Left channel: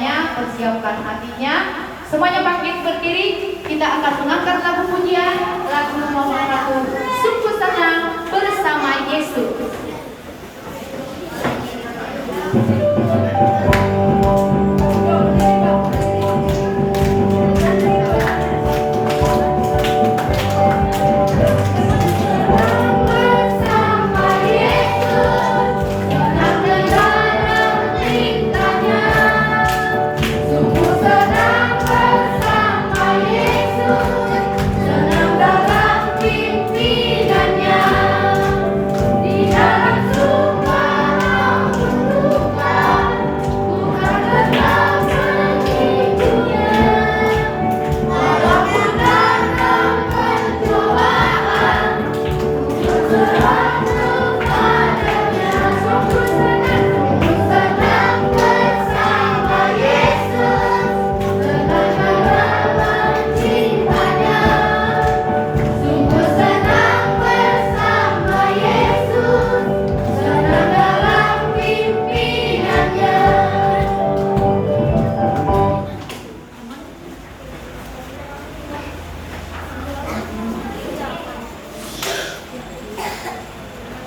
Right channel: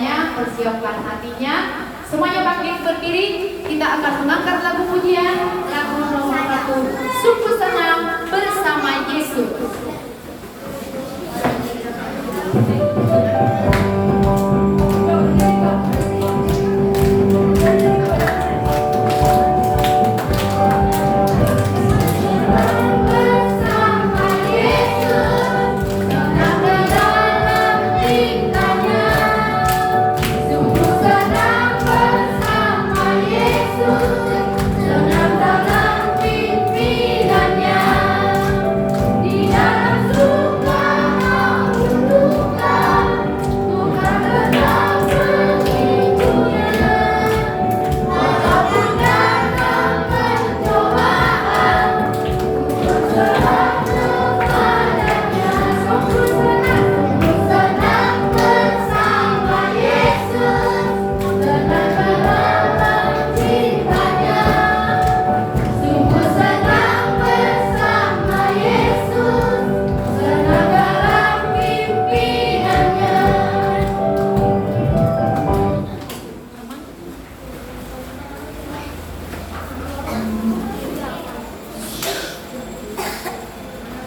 semuanya persiapkan hatinya. Semuanya bangkit berdiri. Kita akan mengangkat lagu pujian, lagu nomor 1, Sungguh Senang Bersama Yesus.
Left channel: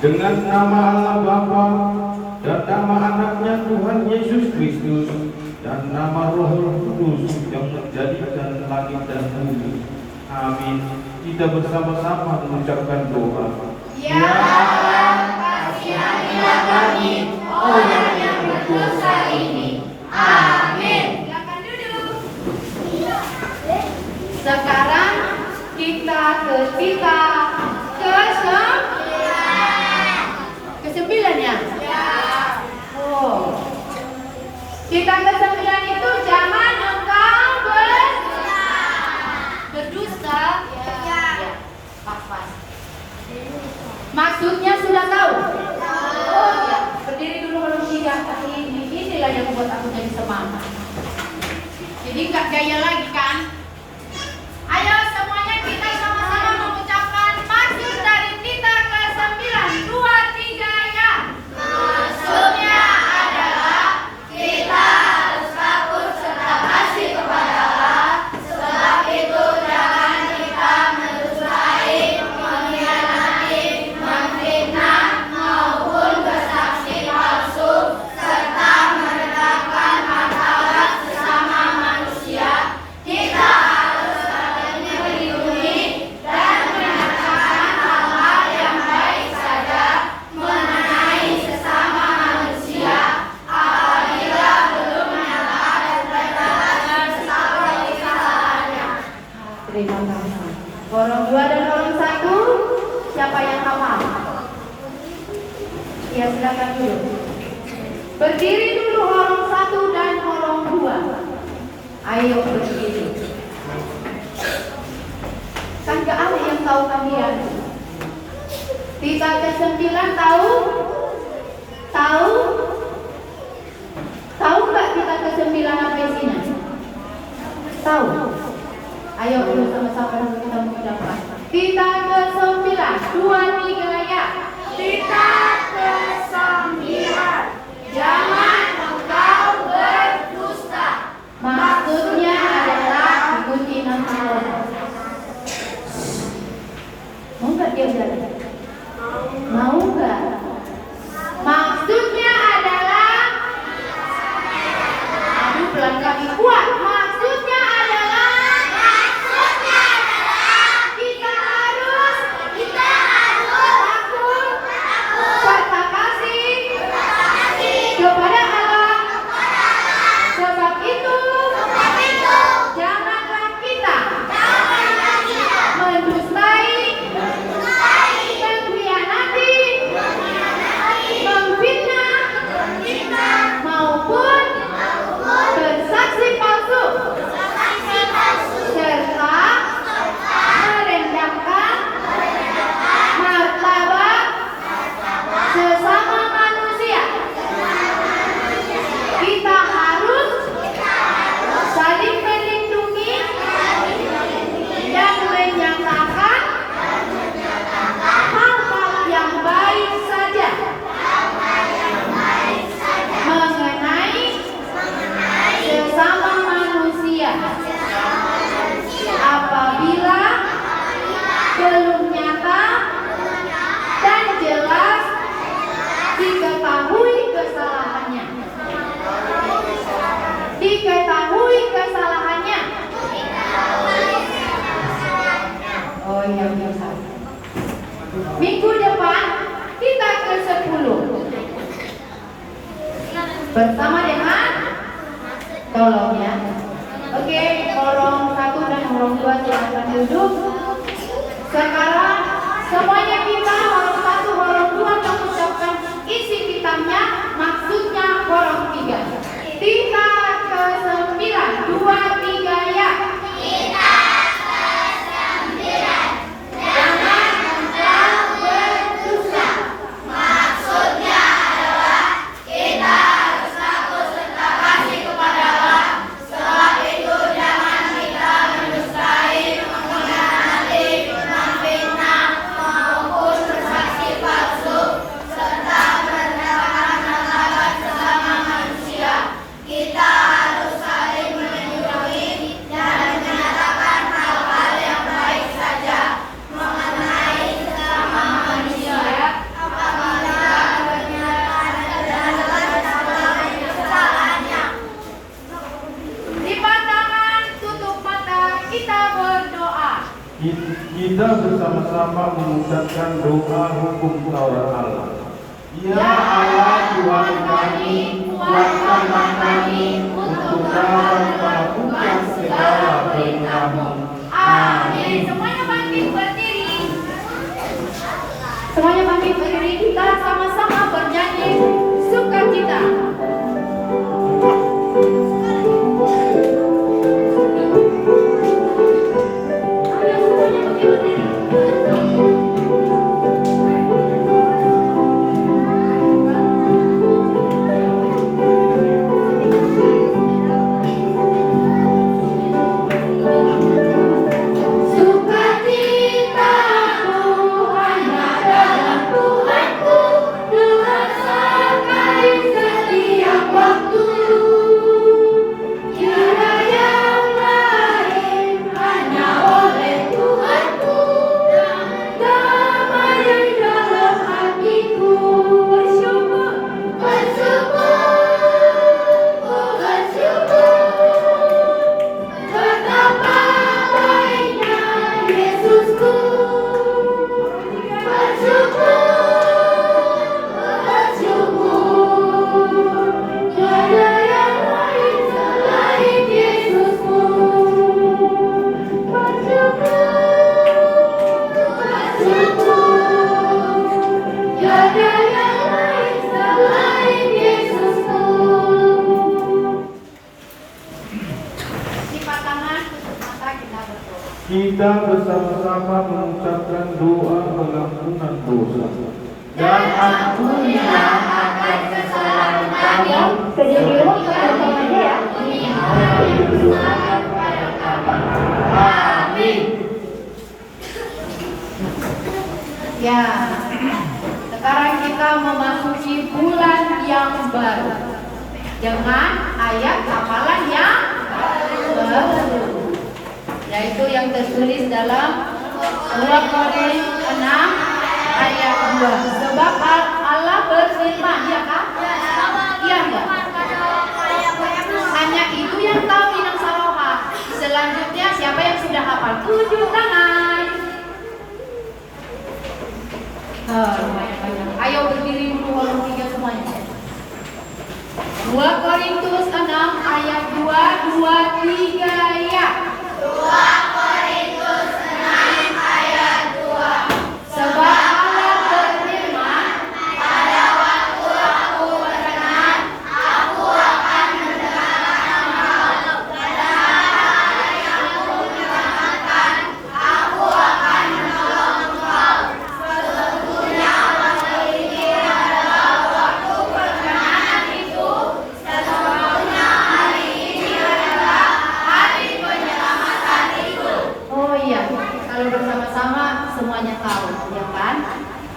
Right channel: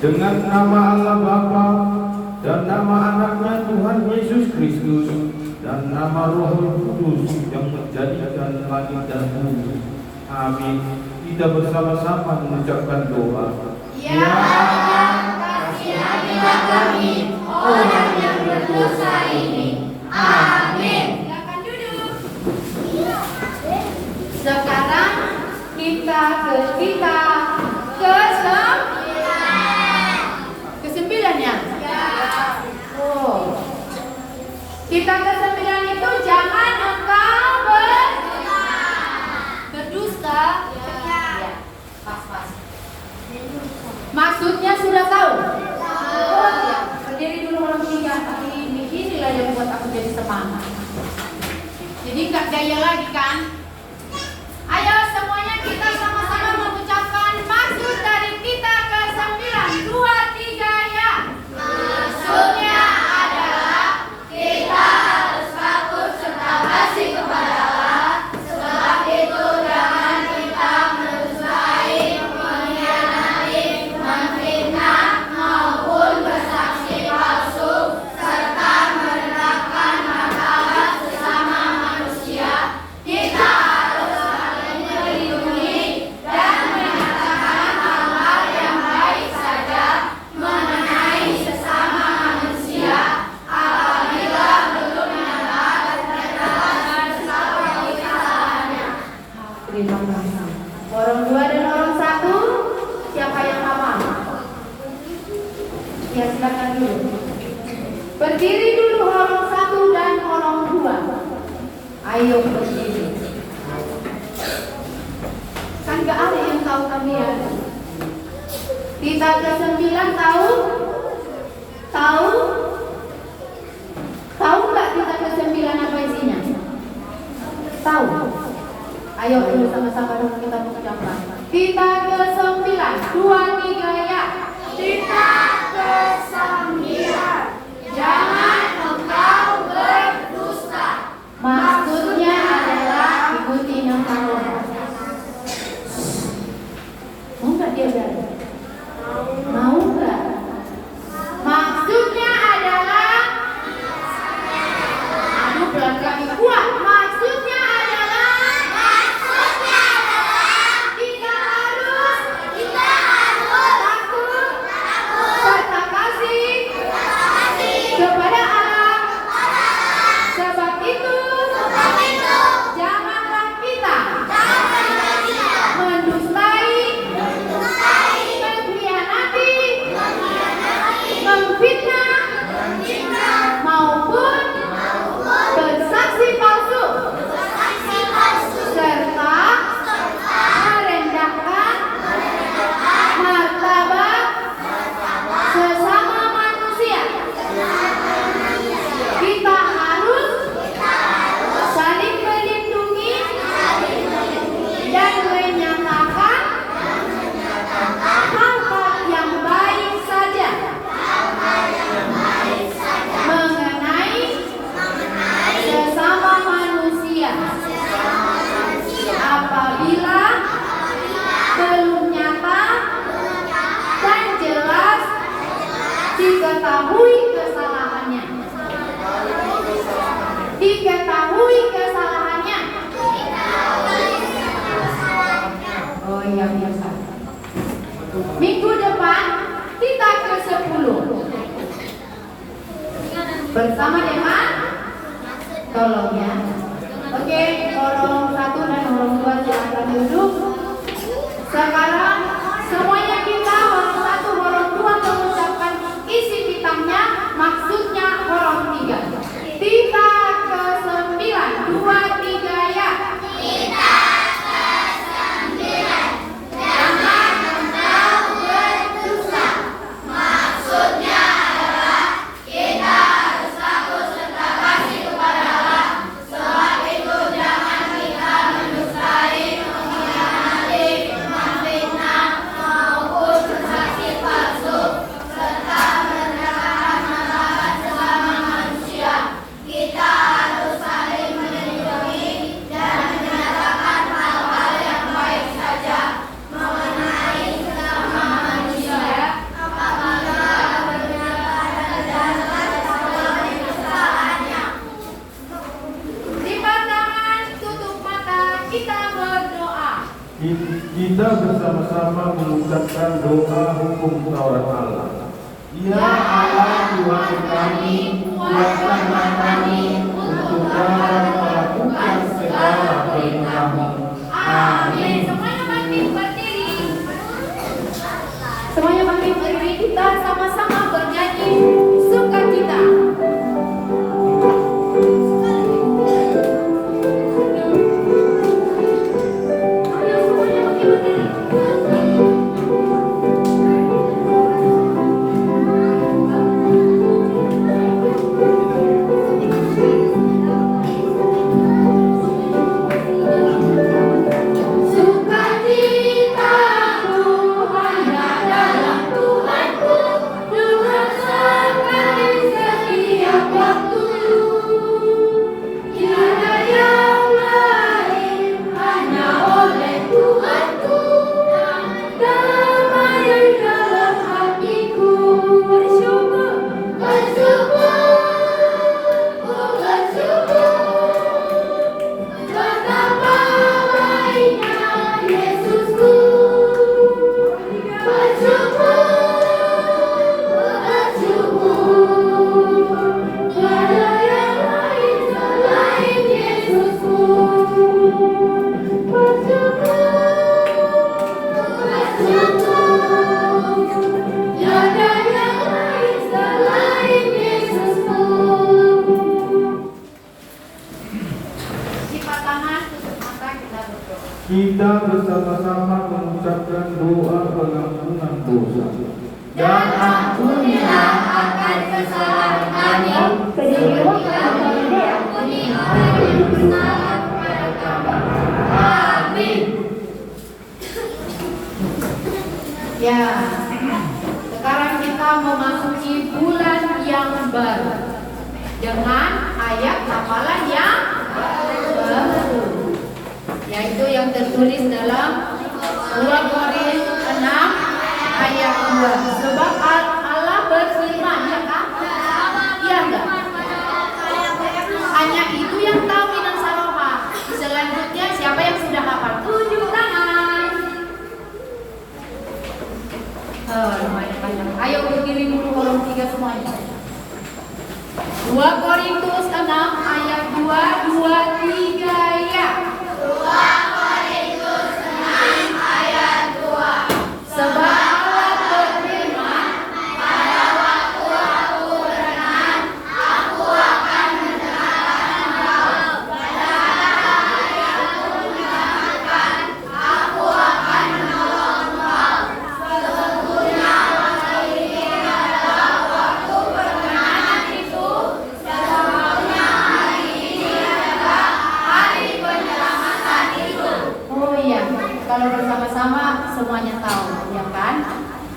Dengan nama Allah Bapa dan nama anaknya Tuhan Yesus Kristus dan nama Roh Kudus yang menjadikan langit dan bumi. Amin. Kita bersama-sama mengucapkan doa. Ya Allah, kasihanilah kami, orang yang berdosa ini. Amin. Silakan duduk. Sekarang kita ke-9 ya? Oh. Kita ke-9 itu jangan engkau berdusta. Ya. Pas. Maksudnya sudah tahu? Oh, ya. Berdiri dulu malam 3. Inilah yang buat aku jadi semangat. Jadi nggak gaya lagi kan? Ayo semuanya kita sama-sama mengucapkan maksud dari kita ke-9. 2, 3 ya. Maksudnya adalah kita harus takut serta kasih kepada Allah. Sebab itu jangan kita mendustai, mengkhianati, memfitnah maupun bersaksi palsu serta merendahkan martabat sesama manusia. Kita harus saling melindungi dan menyatakan hal-hal yang baik saja mengenai sesama manusia apabila belum menyatakan sesama kesalahannya. Terima kasih. Golong 2 dan golong 1. Siapa yang hafal? Ya silakan dulu. Berdiri dulu golong 1 dan golong 2. Ayo berdiri. Kan gak ada yang tahu kalian. Kita ke-9 tahu? Tahu? Tahu nggak kita ke-9 apa isinya? Tahu? Ayo dulu sama-sama dulu kita mengucapkan. Kita ke-9, 2, 3 ya. Kita ke-9. Jangan engkau berdusta. Maksudnya adalah ikuti nama Allah. Mau nggak dia jalan? Mau nggak? Maksudnya adalah, aduh pelan kami kuat. Maksudnya adalah kita harus Diketahui kesalahannya. Oh iya biasa. Minggu depan kita ke 10 bersama dengan tolong ya. Oke, tolong 1 dan tolong 2 silakan duduk. Sekarang semuanya kita tolong 1, tolong 2 mengucapkan isi kitabnya, maksudnya tolong 3. Kita ke 9, 2, 3 ya. Kita ke 9. Jangan engkau berdosa. Maksudnya adalah kita harus takut serta kasih kepada Allah. Sebab itu jangan kita mendustai, mengkhianati, memfitnah, maupun bersaksi palsu, serta merendahkan martabat sesama manusia. Kita harus saling melindungi dan menyatakan hal-hal yang baik saja mengenai sesama manusia. Apabila pernyataan dan kesalahannya. Lipat tangan, tutup mata, kita berdoa. Kita bersama-sama mengucapkan doa hukum Taurat Allah. Ya Allah Tuhan kami, kuatkanlah kami untuk dapat melakukan segala perintah-Mu. Amin. Semuanya bangkit berdiri. Semuanya bangkit berdiri, kita sama-sama bernyanyi sukacita. Sukacita hanya dalam Tuhanku, dengan serta di setiap waktu. Tiada yang lain, hanya oleh Tuhanku, damai dalam hatiku. Bersyukur, bersyukur, bersyukur. Betapa baiknya Yesusku. Bersyukur, bersyukur. Tiada yang lain selain Yesusku. Bersyukur, bersyukur. Tiada yang lain selain Yesusku. Lipat tangan, tutup mata, kita berdoa. Kita bersama-sama mengucapkan doa pengampunan dosa. Dan ampunilah akan kesalahan kami, Amin. Ya, sekarang kita memasuki bulan yang baru dengan ayat hafalan yang baru, yaitu yang tertulis dalam Surah Korintus 6 ayat 2. Sebab Allah berfirman, ya kan? Iya enggak? Hanya itu yang tahu Inang Saloha. Selanjutnya siapa yang sudah hafal? Tunjuk tangan. Lumayan banyak. Ayo berdiri dulu, tolong 3 semuanya. 2 Korintus 6 ayat 2, 2, 3 ya. 2 Korintus 6 ayat 2. Sebab Allah berfirman, Pada waktu aku berkenan, aku akan mendengarkan engkau. Pada hari aku menyelamatkan, aku akan menolong engkau. Sebetulnya waktu ini adalah waktu perkenanan itu. Sesungguhnya hari ini adalah hari penyelamatan itu. oh iya, kalau bersama-sama semuanya tahu, ya kan?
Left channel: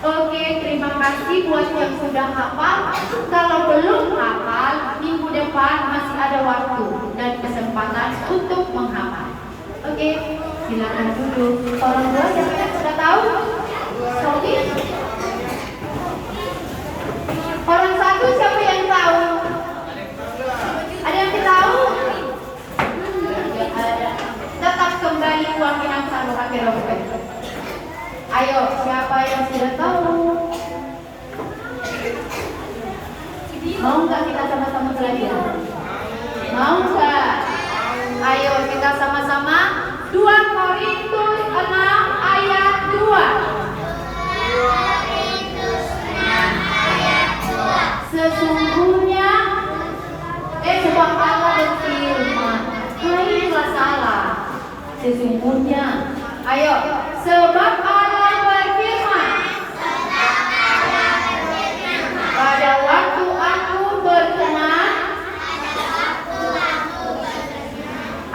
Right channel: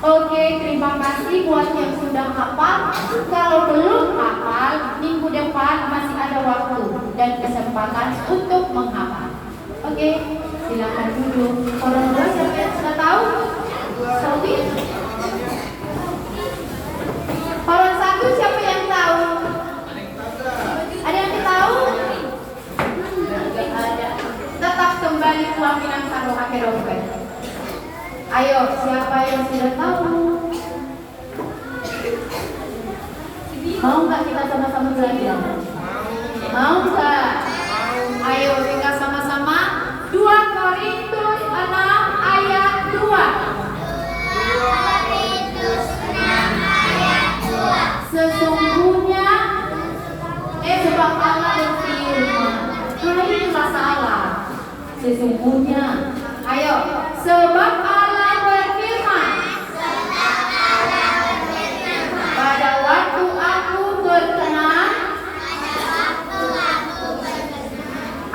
Oke, terima kasih buat yang sudah hafal. Kalau belum hafal, minggu depan masih ada waktu dan kesempatan untuk menghafal. Oke, silakan duduk. Orang tua siapa yang sudah tahu? Sobi? Orang satu siapa yang tahu? Ada yang tahu? Sesungguhnya, ayo, sebab Allah berfirman, pada waktu aku berkenan,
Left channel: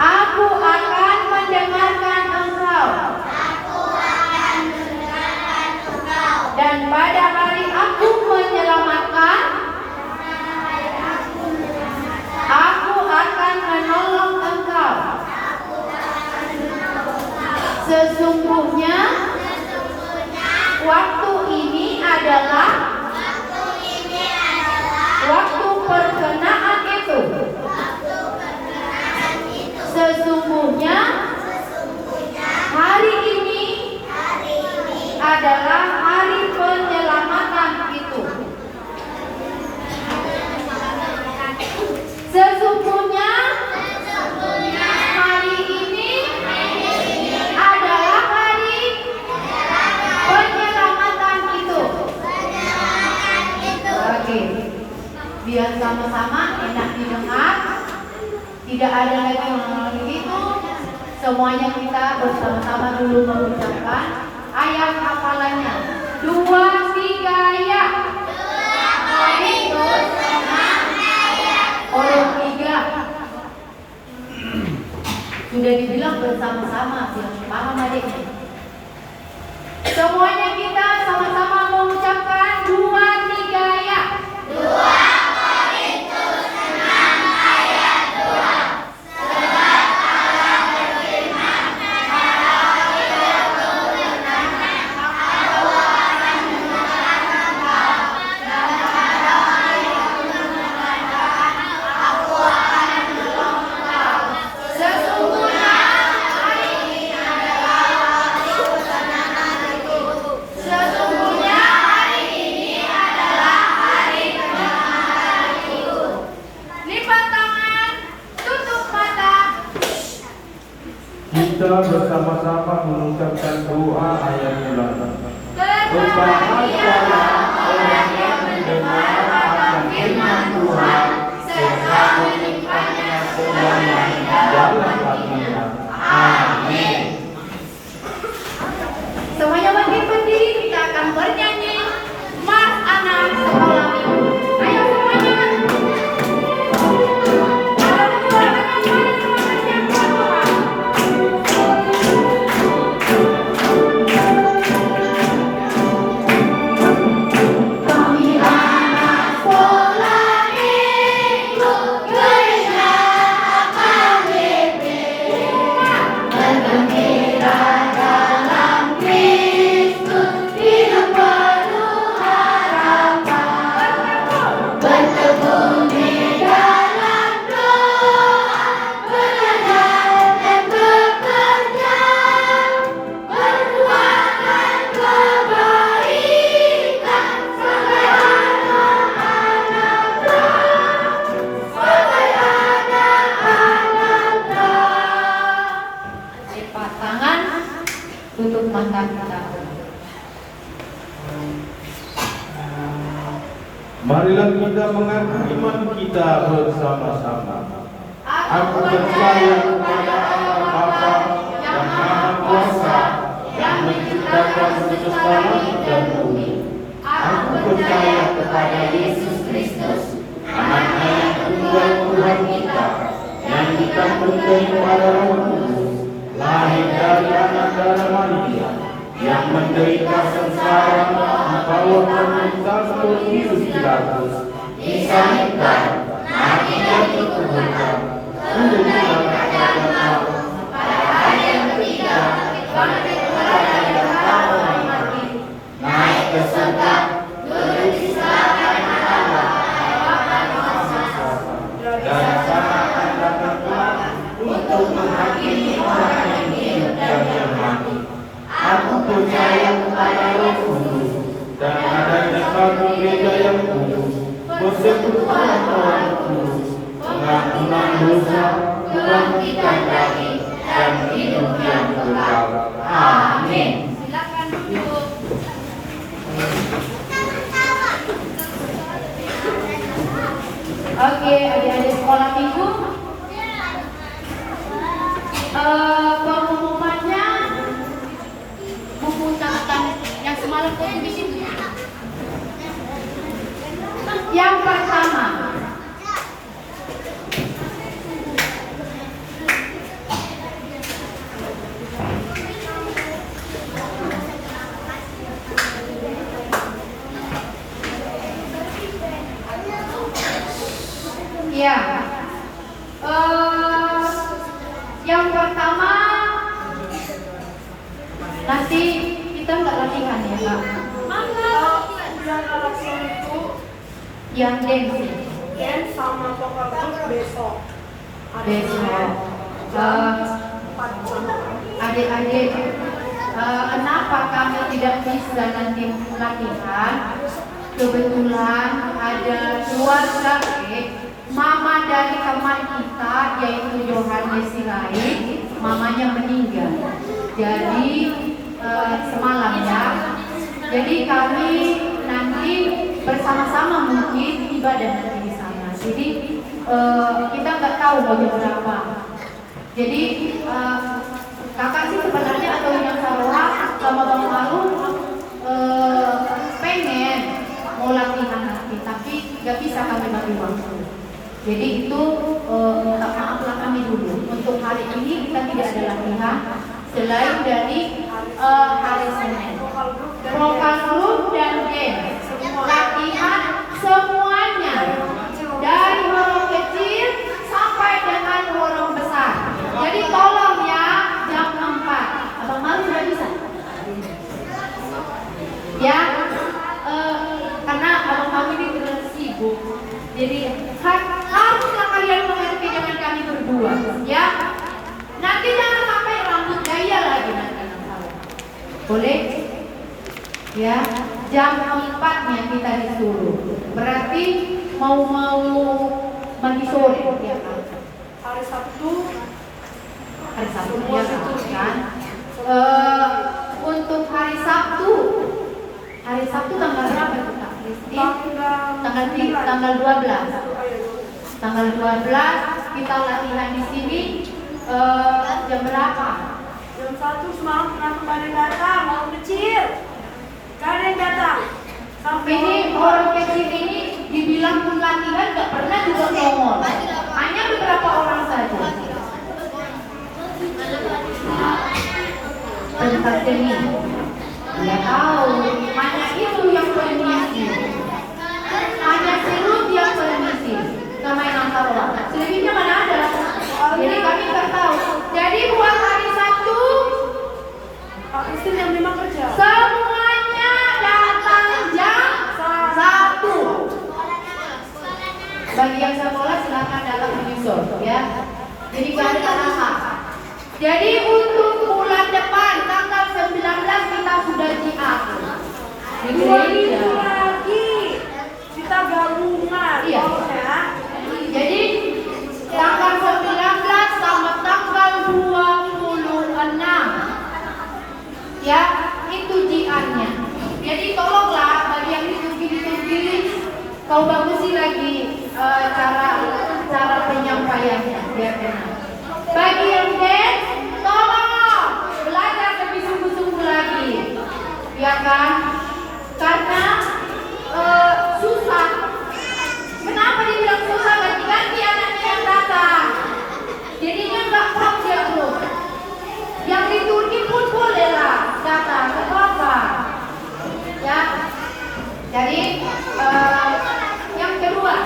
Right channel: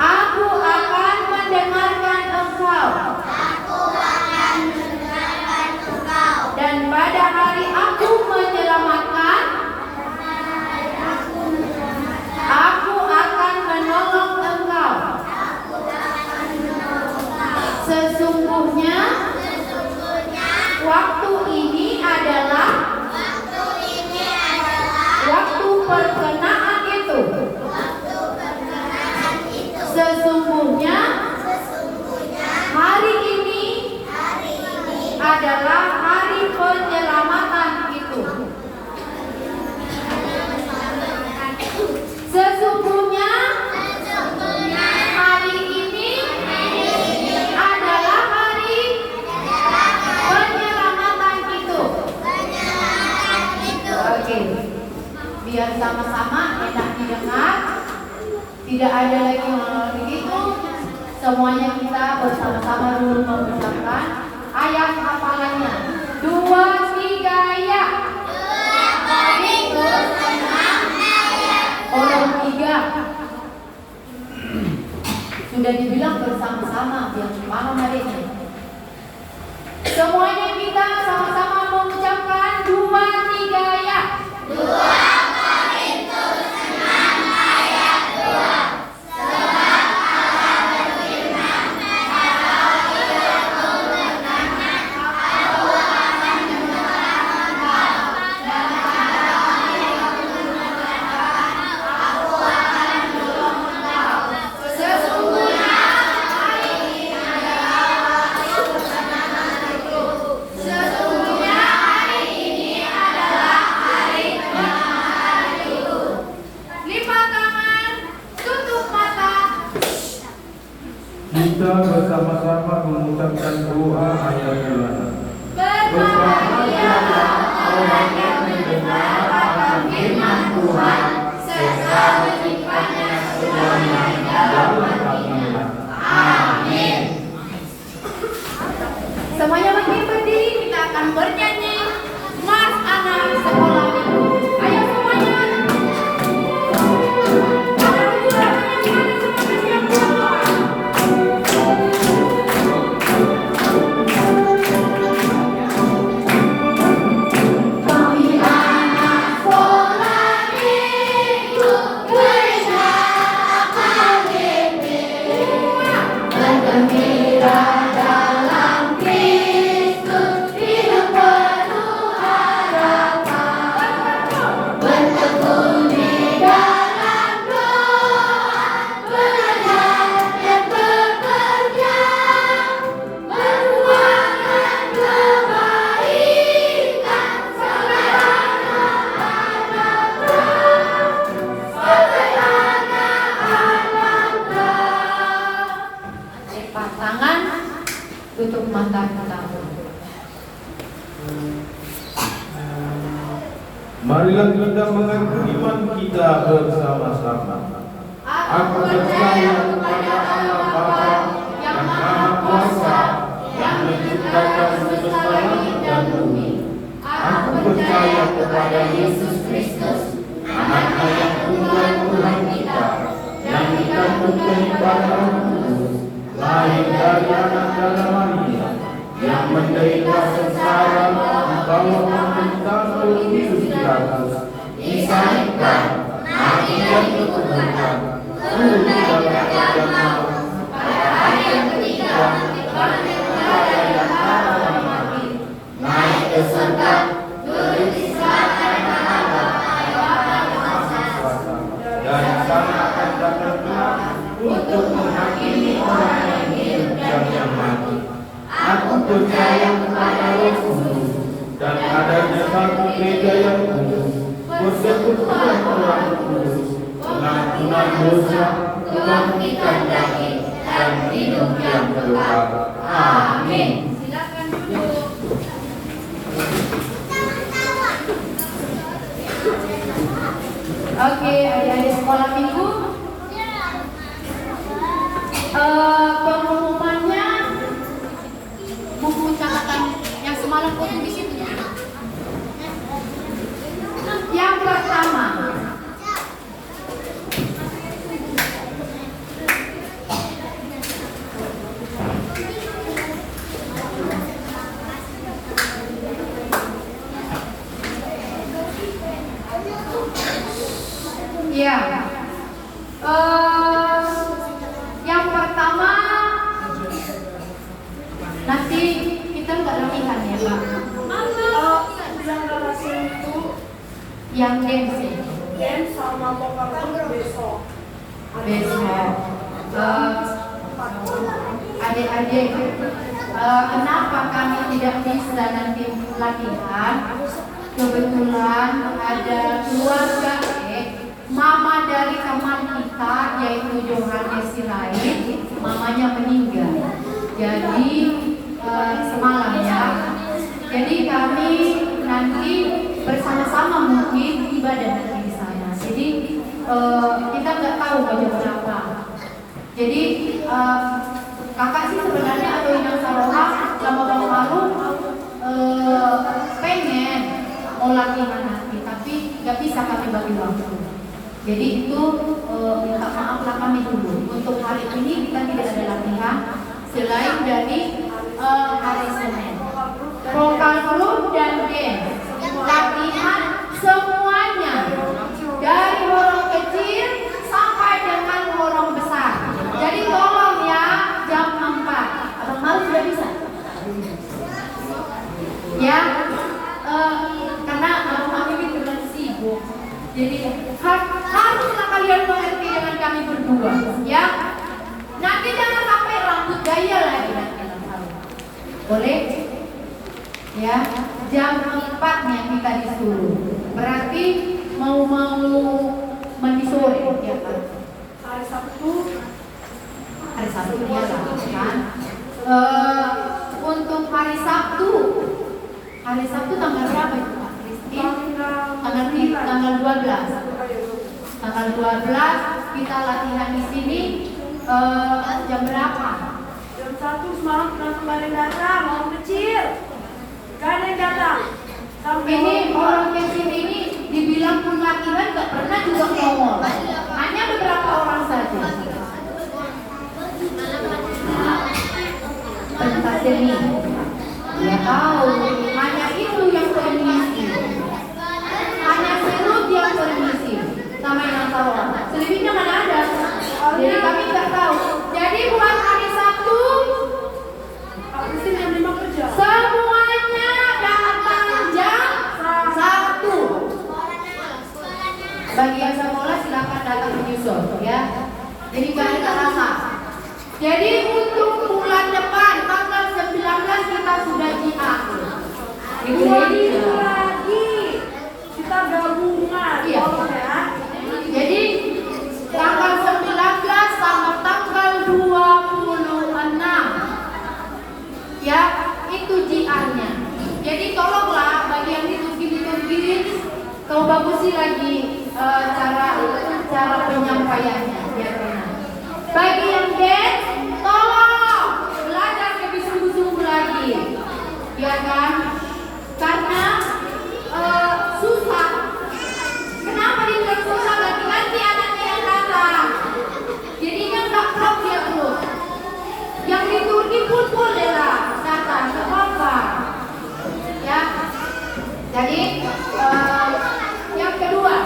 aku akan mendengarkan engkau. Dan pada hari aku menyelamatkan, aku akan menolong engkau. Sesungguhnya, waktu ini adalah waktu perkenaan itu. Sesungguhnya, hari ini adalah hari penyelamatan itu. Sesungguhnya, hari ini adalah hari penyelamatan itu. Oke, biar sama-sama enak didengar. Tidak ada lagi yang begitu. Semuanya kita bersama-sama dulu mengucapkan ayat hafalannya. 2, 3 ya. Oh 3. Sudah dibilang bersama-sama biar paham adiknya. Semuanya kita sama-sama mengucapkan 2, 3 ya. 2 Kita bersama-sama mengucapkan doa ayat bulan. Berbahagialah orang yang mendengar akan firman Tuhan serta menyimpannya semuanya dalam hatinya. Amin. Semuanya berdiri, kita akan bernyanyi Mars Anak Sekolah Minggu. Ayo semuanya. Tutup mata kita. Marilah kita mengaku iman kita bersama-sama. Aku percaya kepada Allah Bapa yang Maha Kuasa, yang menciptakan semesta langit dan bumi. Aku percaya kepada Yesus Kristus, Anaknya yang tunggal Tuhan kita, yang dikandung daripada Roh Kudus, lahir dari anak darah Maria, yang menderita sengsara di bawah pemerintahan Pontius Pilatus, disalibkan, mati dan dikuburkan, turun ke neraka maut, pada hari yang ketiga bangkit kepada yang maha mati, naik ke surga, turun di sebelah kanan Allah dan sama akan datang untuk menghakimi orang yang hidup dan yang mati. Aku percaya kepada Roh Kudus dan adanya satu gereja yang kudus, persekutuan orang kudus, pengampunan dosa, kebangkitan daging, dan hidup yang kekal. Amin. Silakan duduk. Oke, adik-adik sekolah minggu. Pengumuman yang dance sama pokoknya besok. Adik-adik, kenapa kami tidak bisa nanti latihan? Kebetulan ada keluarga mama dari teman kita yaitu Yohanes Sirait, mamanya meninggal. Jadi semalam ya. Jadi kami nanti bersama-sama mungkin ibadah nanti di sana. Jadi kita nggak tahu jam berapa. Jadi kakak sih sebenarnya atau yang Saroha sama Bang Malu pengen mau latihan nanti, tapi nggak bisa kami bagi waktu. Jadi itu maaflah kami dulu. Untuk hari ini kita tidak ada latihan selain dari hari Senin. Vokal group dan dance latihan semuanya dari orang kecil sampai dengan orang besar. Jadi tolong ya jam 4 atau malu sudah bisa ya, karena abang-abang ini sudah sibuk. Jadi haruslah kalian mengerti dengan kami berdua ya. Nanti jangan sampai rambut gaya lagi nanti boleh ya. Jam 4-nya kita disuruh, berarti mau mandi sore ya kan? Hari Sabtu Ya kan? Untuk hari Sabtu tanggal berapa itu Kak Kristi? Tanggal 12. Tanggal 12 kita latihan di sini jam berapa? Jam 1 semalam pernah kembali datang, orang kecil. Gak ada yang datang. Ini orang kecil ini dibilang pun latihan gak pernah juga ngomong. Hanya beberapa orang saja. Pentas ini ya tahu, hanya itu yang permisi. Hanya Silut yang permisi. Nama yang tahu. Selebihnya mana ada? Jadi kami nggak tahu. Jadi buat hari Sabtu, yang memang kerja. semuanya datang jam 1. Bagi yang sekolah silakan datang menyusul ya. Jadi kami tak lama. Jadi untuk bulan depan tanggal 19 kita sudah diatur. Itu lagi kita gabungan. Iya. Jadi tanggal 19 sama tanggal 26 ya, itu jiannya. Jadi tolonglah bagi yang ditulis kau bagusi lagi cara penyampaiannya biar benar. Bagi yang dance, tolong belajar lebih sungguh-sungguh lagi, ya kan? Karena susah. Kenapa dibilang susah? Ganti-ganti anaknya yang datang. Jadinya nggak prop dia terus. Yang di Turki pun boleh lah datang, nggak apa-apa. Ya. Jadi yang kedua.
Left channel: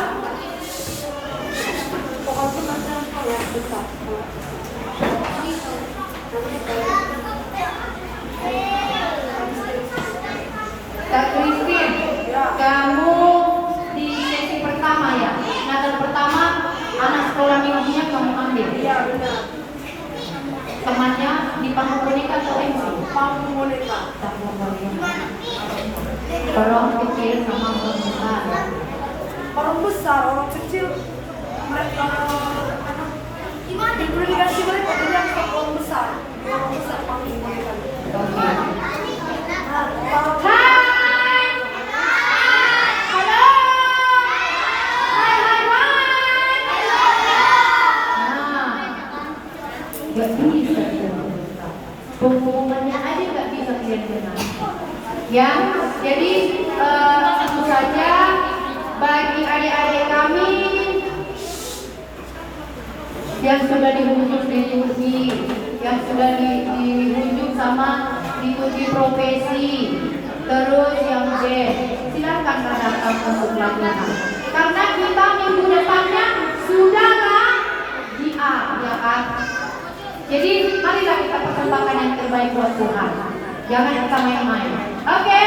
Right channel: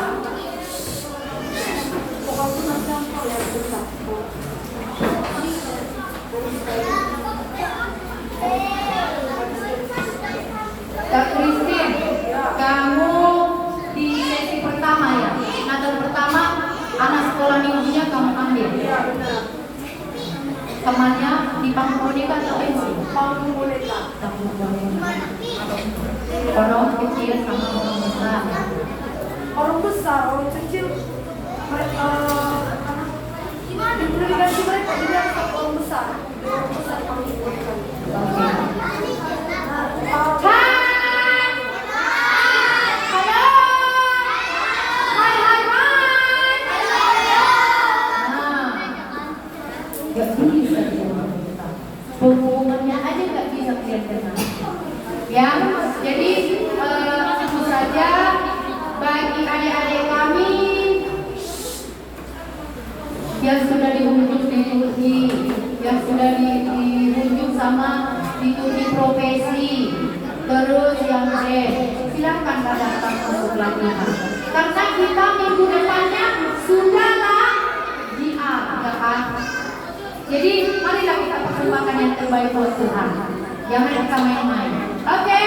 Kak Christine, kamu di sesi pertama ya? Natal pertama, anak sekolah minggunya kamu ambil. Iya benar. Temannya di panggung boneka atau pensi? Panggung boneka. Orang kecil sama orang besar. Orang besar, orang kecil. Mereka diberikan mereka tidak orang besar. Orang besar panggung boneka. Gak bisa pengumumannya aja gak bisa kelihatan ya. Jadi itu saja bagi adik-adik kami yang sudah diunjuk di Turki, yang sudah diunjuk sama diikuti profesi, terus yang silakan datang untuk latihan karena kita minggu depannya sudahlah JR ya kan. Jadi marilah kita persembahkan yang terbaik buat Tuhan. Jangan kita main-main. Oke,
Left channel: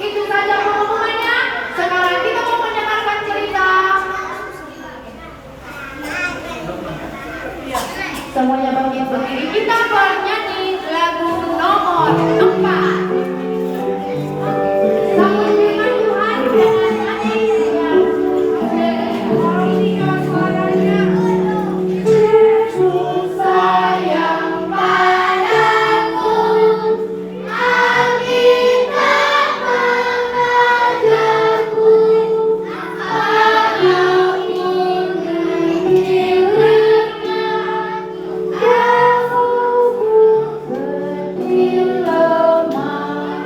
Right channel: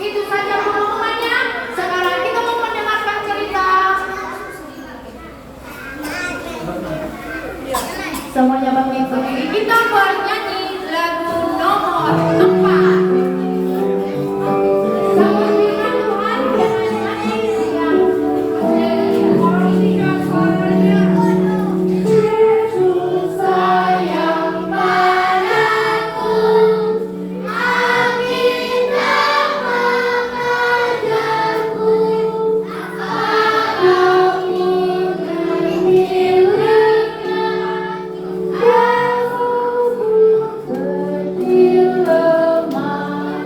itu saja pengumumannya. Sekarang kita mau mendengarkan Semuanya bangkit berdiri. Kita bernyanyi lagu nomor 4. Sama firman Tuhan dengan hati yang meninggikan suaranya. Yesus sayang padaku, Alkitab mengajarku, walaupun kecilnya aku kecil lemah,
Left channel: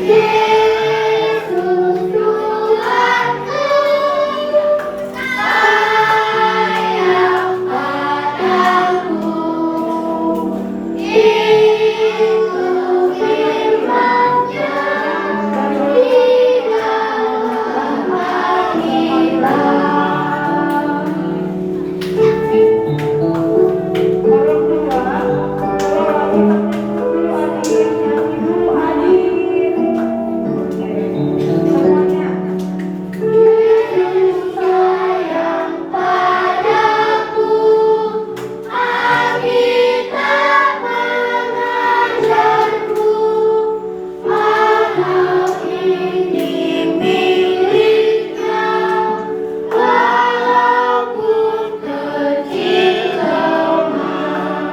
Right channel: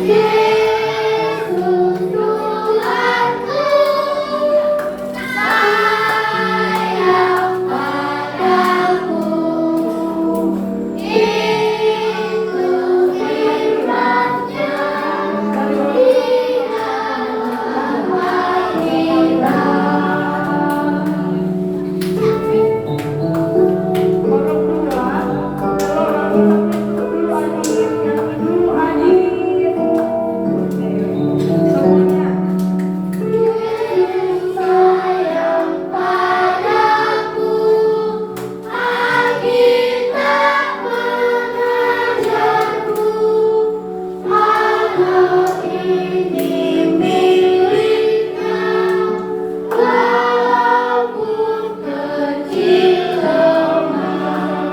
Yesus Tuhanku sayang padaku. Itu firman-Nya di dalam Yesus sayang padaku, Alkitab mengajarku, walau ini miliknya, walaupun kecil lemah,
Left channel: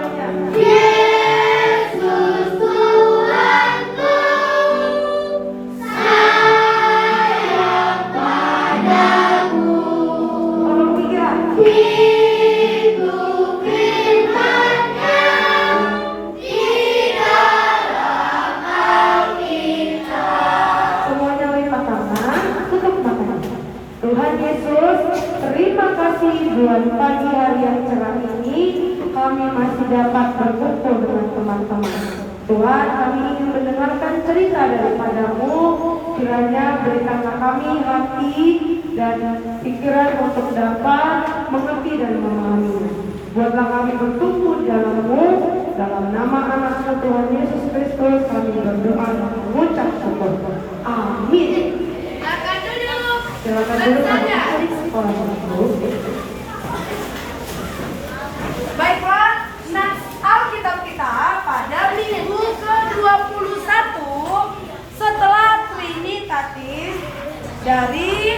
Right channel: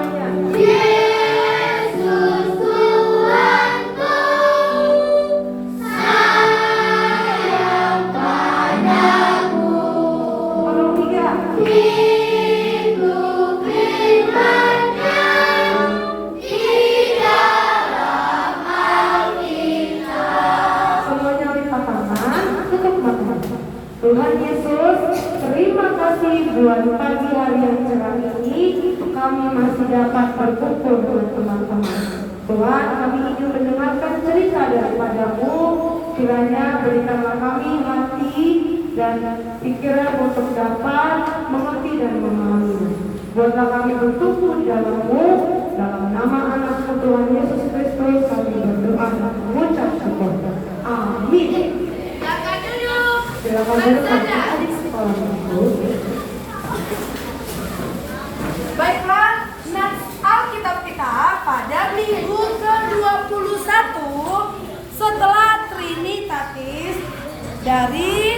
Yesus Tuhanku sayang padaku. Itu firman-Nya di dalam Alkitab. Semuanya lipat tangan, tutup mata. Tuhan Yesus, terima kasih buat pagi hari yang cerah ini kami masih dapat berkumpul dengan teman-teman. Tuhan, kami ingin mendengarkan cerita daripada-Mu. Kiranya berikanlah kami hati dan pikiran untuk dapat mengerti dan memahaminya. Buatlah kami bertumbuh di dalam-Mu. Dalam nama anak-Mu Tuhan Yesus Kristus kami berdoa dan mengucap syukur. Amin. Silakan duduk. Silakan dulu di sekolah Ibu. Baiklah, nats Alkitab kita pada minggu ke-21 setelah Trinitatis dari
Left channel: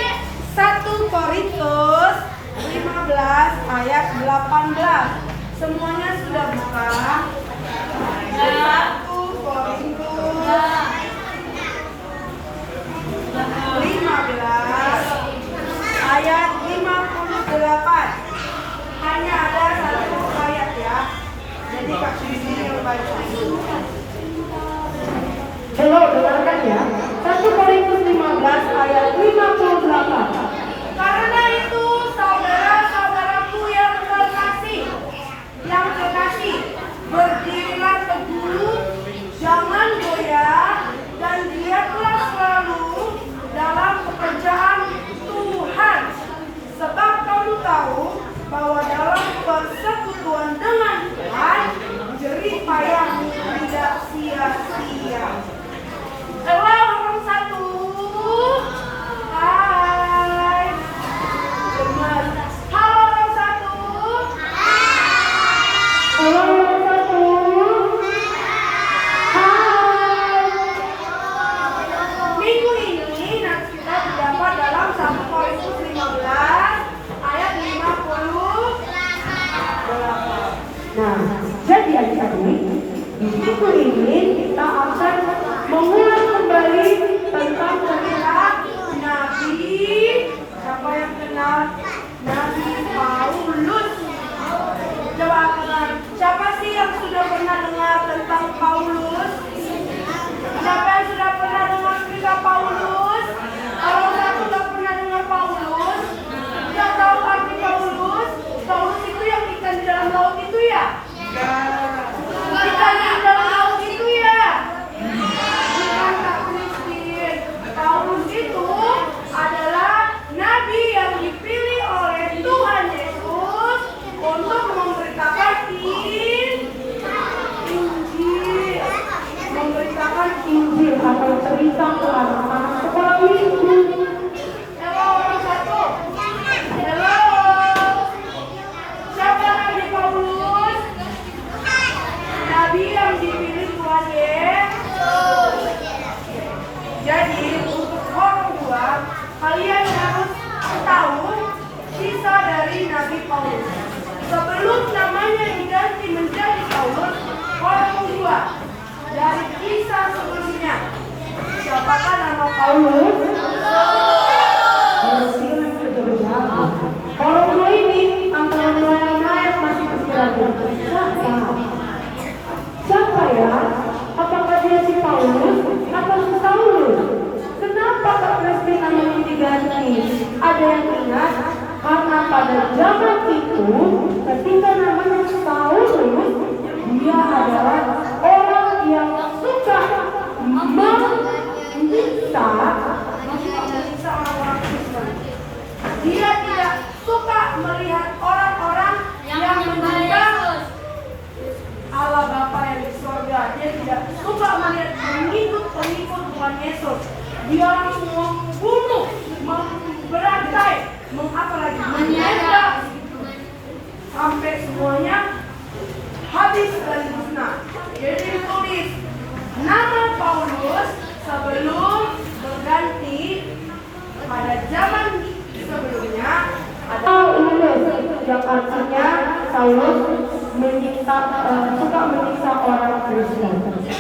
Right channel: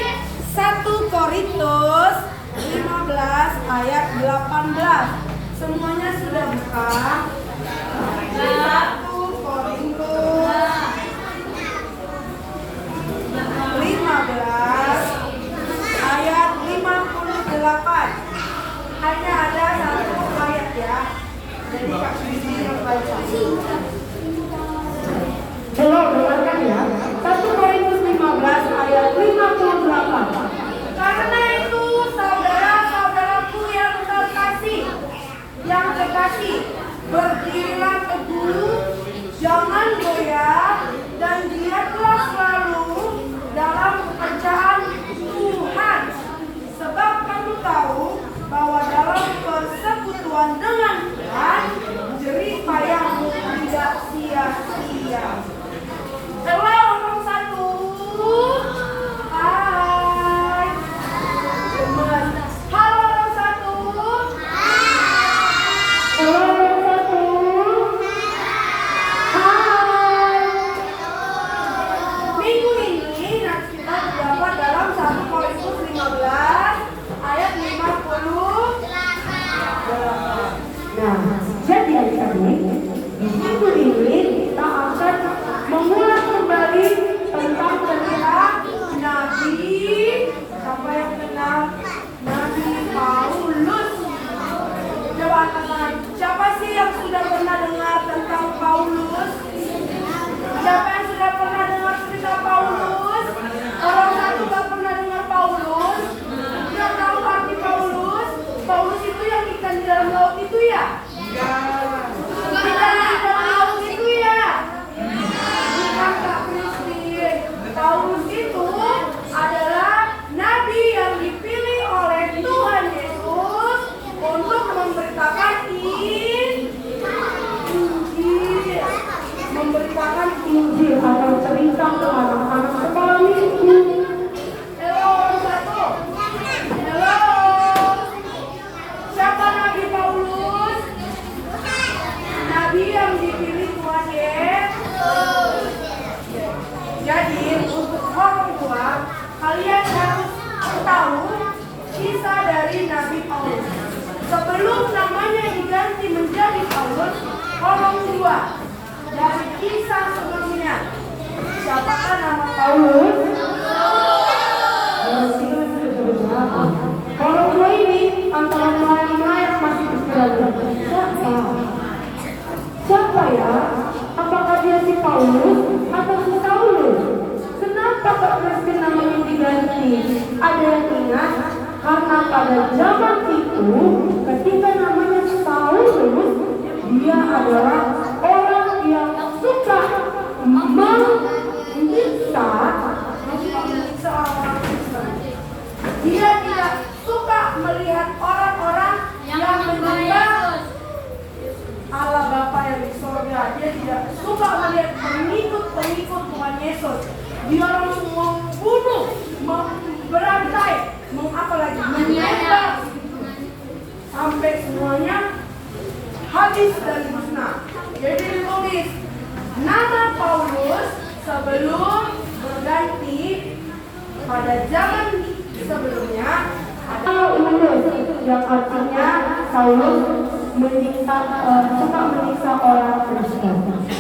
1 Korintus 15 ayat 18. Semuanya sudah buka. 1 Korintus 15 ayat 58. Hanya ada satu ayat ya. Jadi Kak Susi yang baca. Coba dengarkan ya. 1 Korintus 15 ayat 58. Karena itu saudara-saudaraku yang kekasih, berdirilah teguh, jangan goyah, dan giatlah selalu dalam pekerjaan Tuhan. Sebab kamu tahu bahwa dalam persekutuan dengan Tuhan, jerih payahmu tidak sia-sia. Halo orang satu. Hai. Gemes. Halo orang satu. Halo satu. Hai. Minggu ini nats kita terdapat dalam 1 Korintus 15 ayat 58. Nah, jadi adik-adik, di minggu ini kita akan mengulang kembali tentang cerita Nabi, siapa yang kenal? Nabi Paulus. Coba kenal. Siapa sih yang sudah pernah dengar tentang Paulus? Siapa yang sudah pernah dengar cerita Paulus? Kalau satu nggak pernah dengar Paulus, nggak tahu arti Paulus. Paulus itu yang ikan di dalam laut itu ya? Ikan di dalam laut itu ya? Bukan Kak Christine. Paulus itu adalah nabi yang dipilih oleh Tuhan Yesus untuk memberitakan Injil. memberitakan Injil atau cerita ke anak-anak sekolah minggu. Halo orang satu. Halo. Siapa Nabi Paulus? dipilih Tuhan Yesus. Jadi untuk orang tua, kalian harus tahu kisah dari Nabi Paulus. Sebelum namanya diganti menjadi Paulus, orang tua dari kisah sebelumnya. Siapakah nama Paulus? Orang tua ini antara dua yang masih berjalan. Siapa ya? Apakah dia si Paulus atau si Saulus? Kenapa Kak Kristi namanya diganti? Ada yang ingat? Karena pada zaman itu, ketika namanya Saulus, dia adalah orang yang suka menyiksa orang Kristen. Dia tidak suka melihat orang-orang yang menyembah Allah Bapa yang di surga. Dia tidak suka melihat pengikut-pengikut Tuhan Yesus. Dia langsung membunuh, memberantai, menyembah sampai semuanya habis dan musnah. Jadi ditulis nama Paulus sebelum berganti pada zaman sebelumnya atau Paulus yang artinya Saulus suka menyiksa orang Kristen.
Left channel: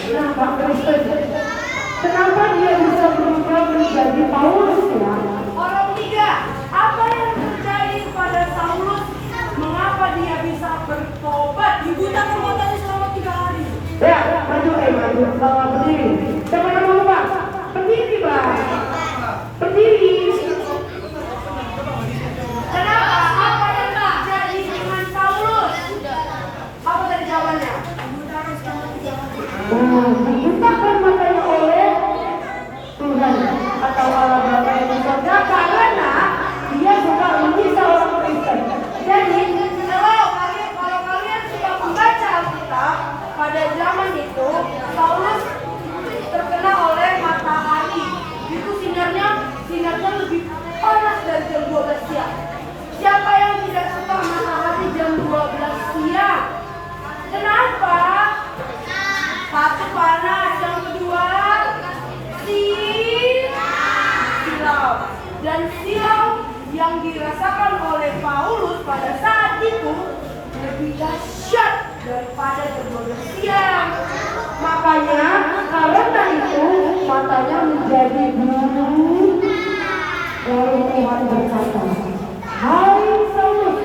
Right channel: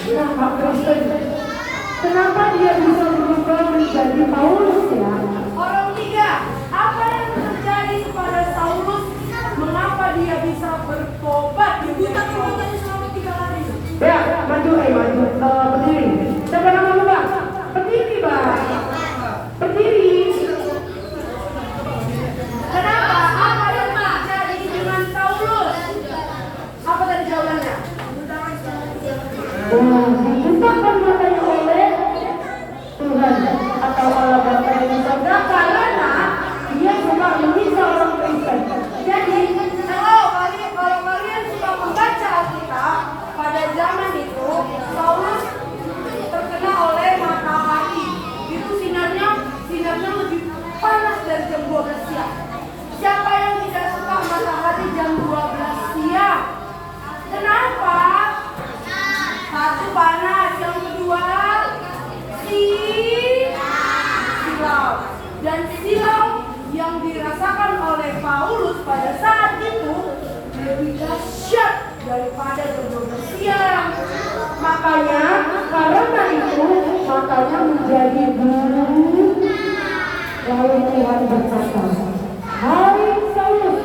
Nah, Kak Kristen, kenapa dia bisa berubah menjadi Paulus ya? Orang tiga, apa yang terjadi pada Saulus? Mengapa dia bisa bertobat? Dibutakan matanya selama 3 hari. Ya, maju. Berdiri. Siapa nama Pak? Berdiri, Pak. Berdiri. Kenapa? Apa yang terjadi dengan Saulus? Apa tadi jawabannya? Dibutakan matanya oleh Tuhan atau Allah Bapa yang di surga karena dia suka menyiksa orang Kristen. Jadi, kalau kalian sudah membaca Alkitab, pada zaman itu Paulus terkena oleh matahari. Itu sinarnya lebih panas dari jam 12 siang. Siapa yang tidak suka matahari jam 12 siang? Kenapa? Satu, panas. Yang kedua, silau. Dan silau yang dirasakan oleh Paulus pada saat itu lebih dahsyat daripada jam 12 siang. Makanya karena itu matanya menjadi biru. Lalu Tuhan berkata, "Hai Saulus,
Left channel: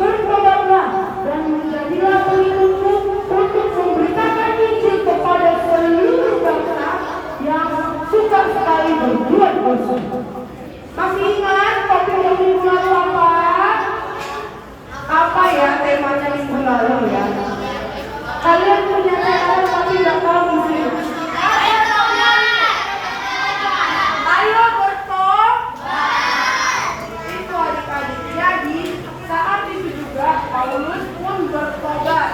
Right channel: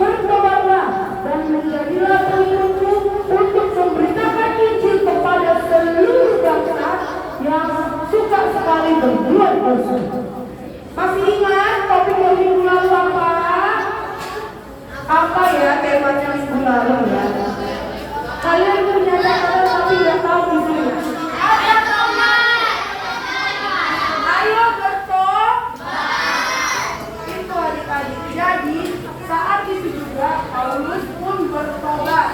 bertobatlah dan menjadilah pengikutku untuk memberitakan Injil kepada seluruh bangsa yang suka sekali berbuat dosa." Masih ingat topik minggu lalu apa? Apa ya temanya minggu lalu ya? Kalian punya tema tapi nggak tahu isinya. Apa taunya? Ayo bertobat. Itu adik-adik. Jadi saat itu juga Paulus pun bertobat.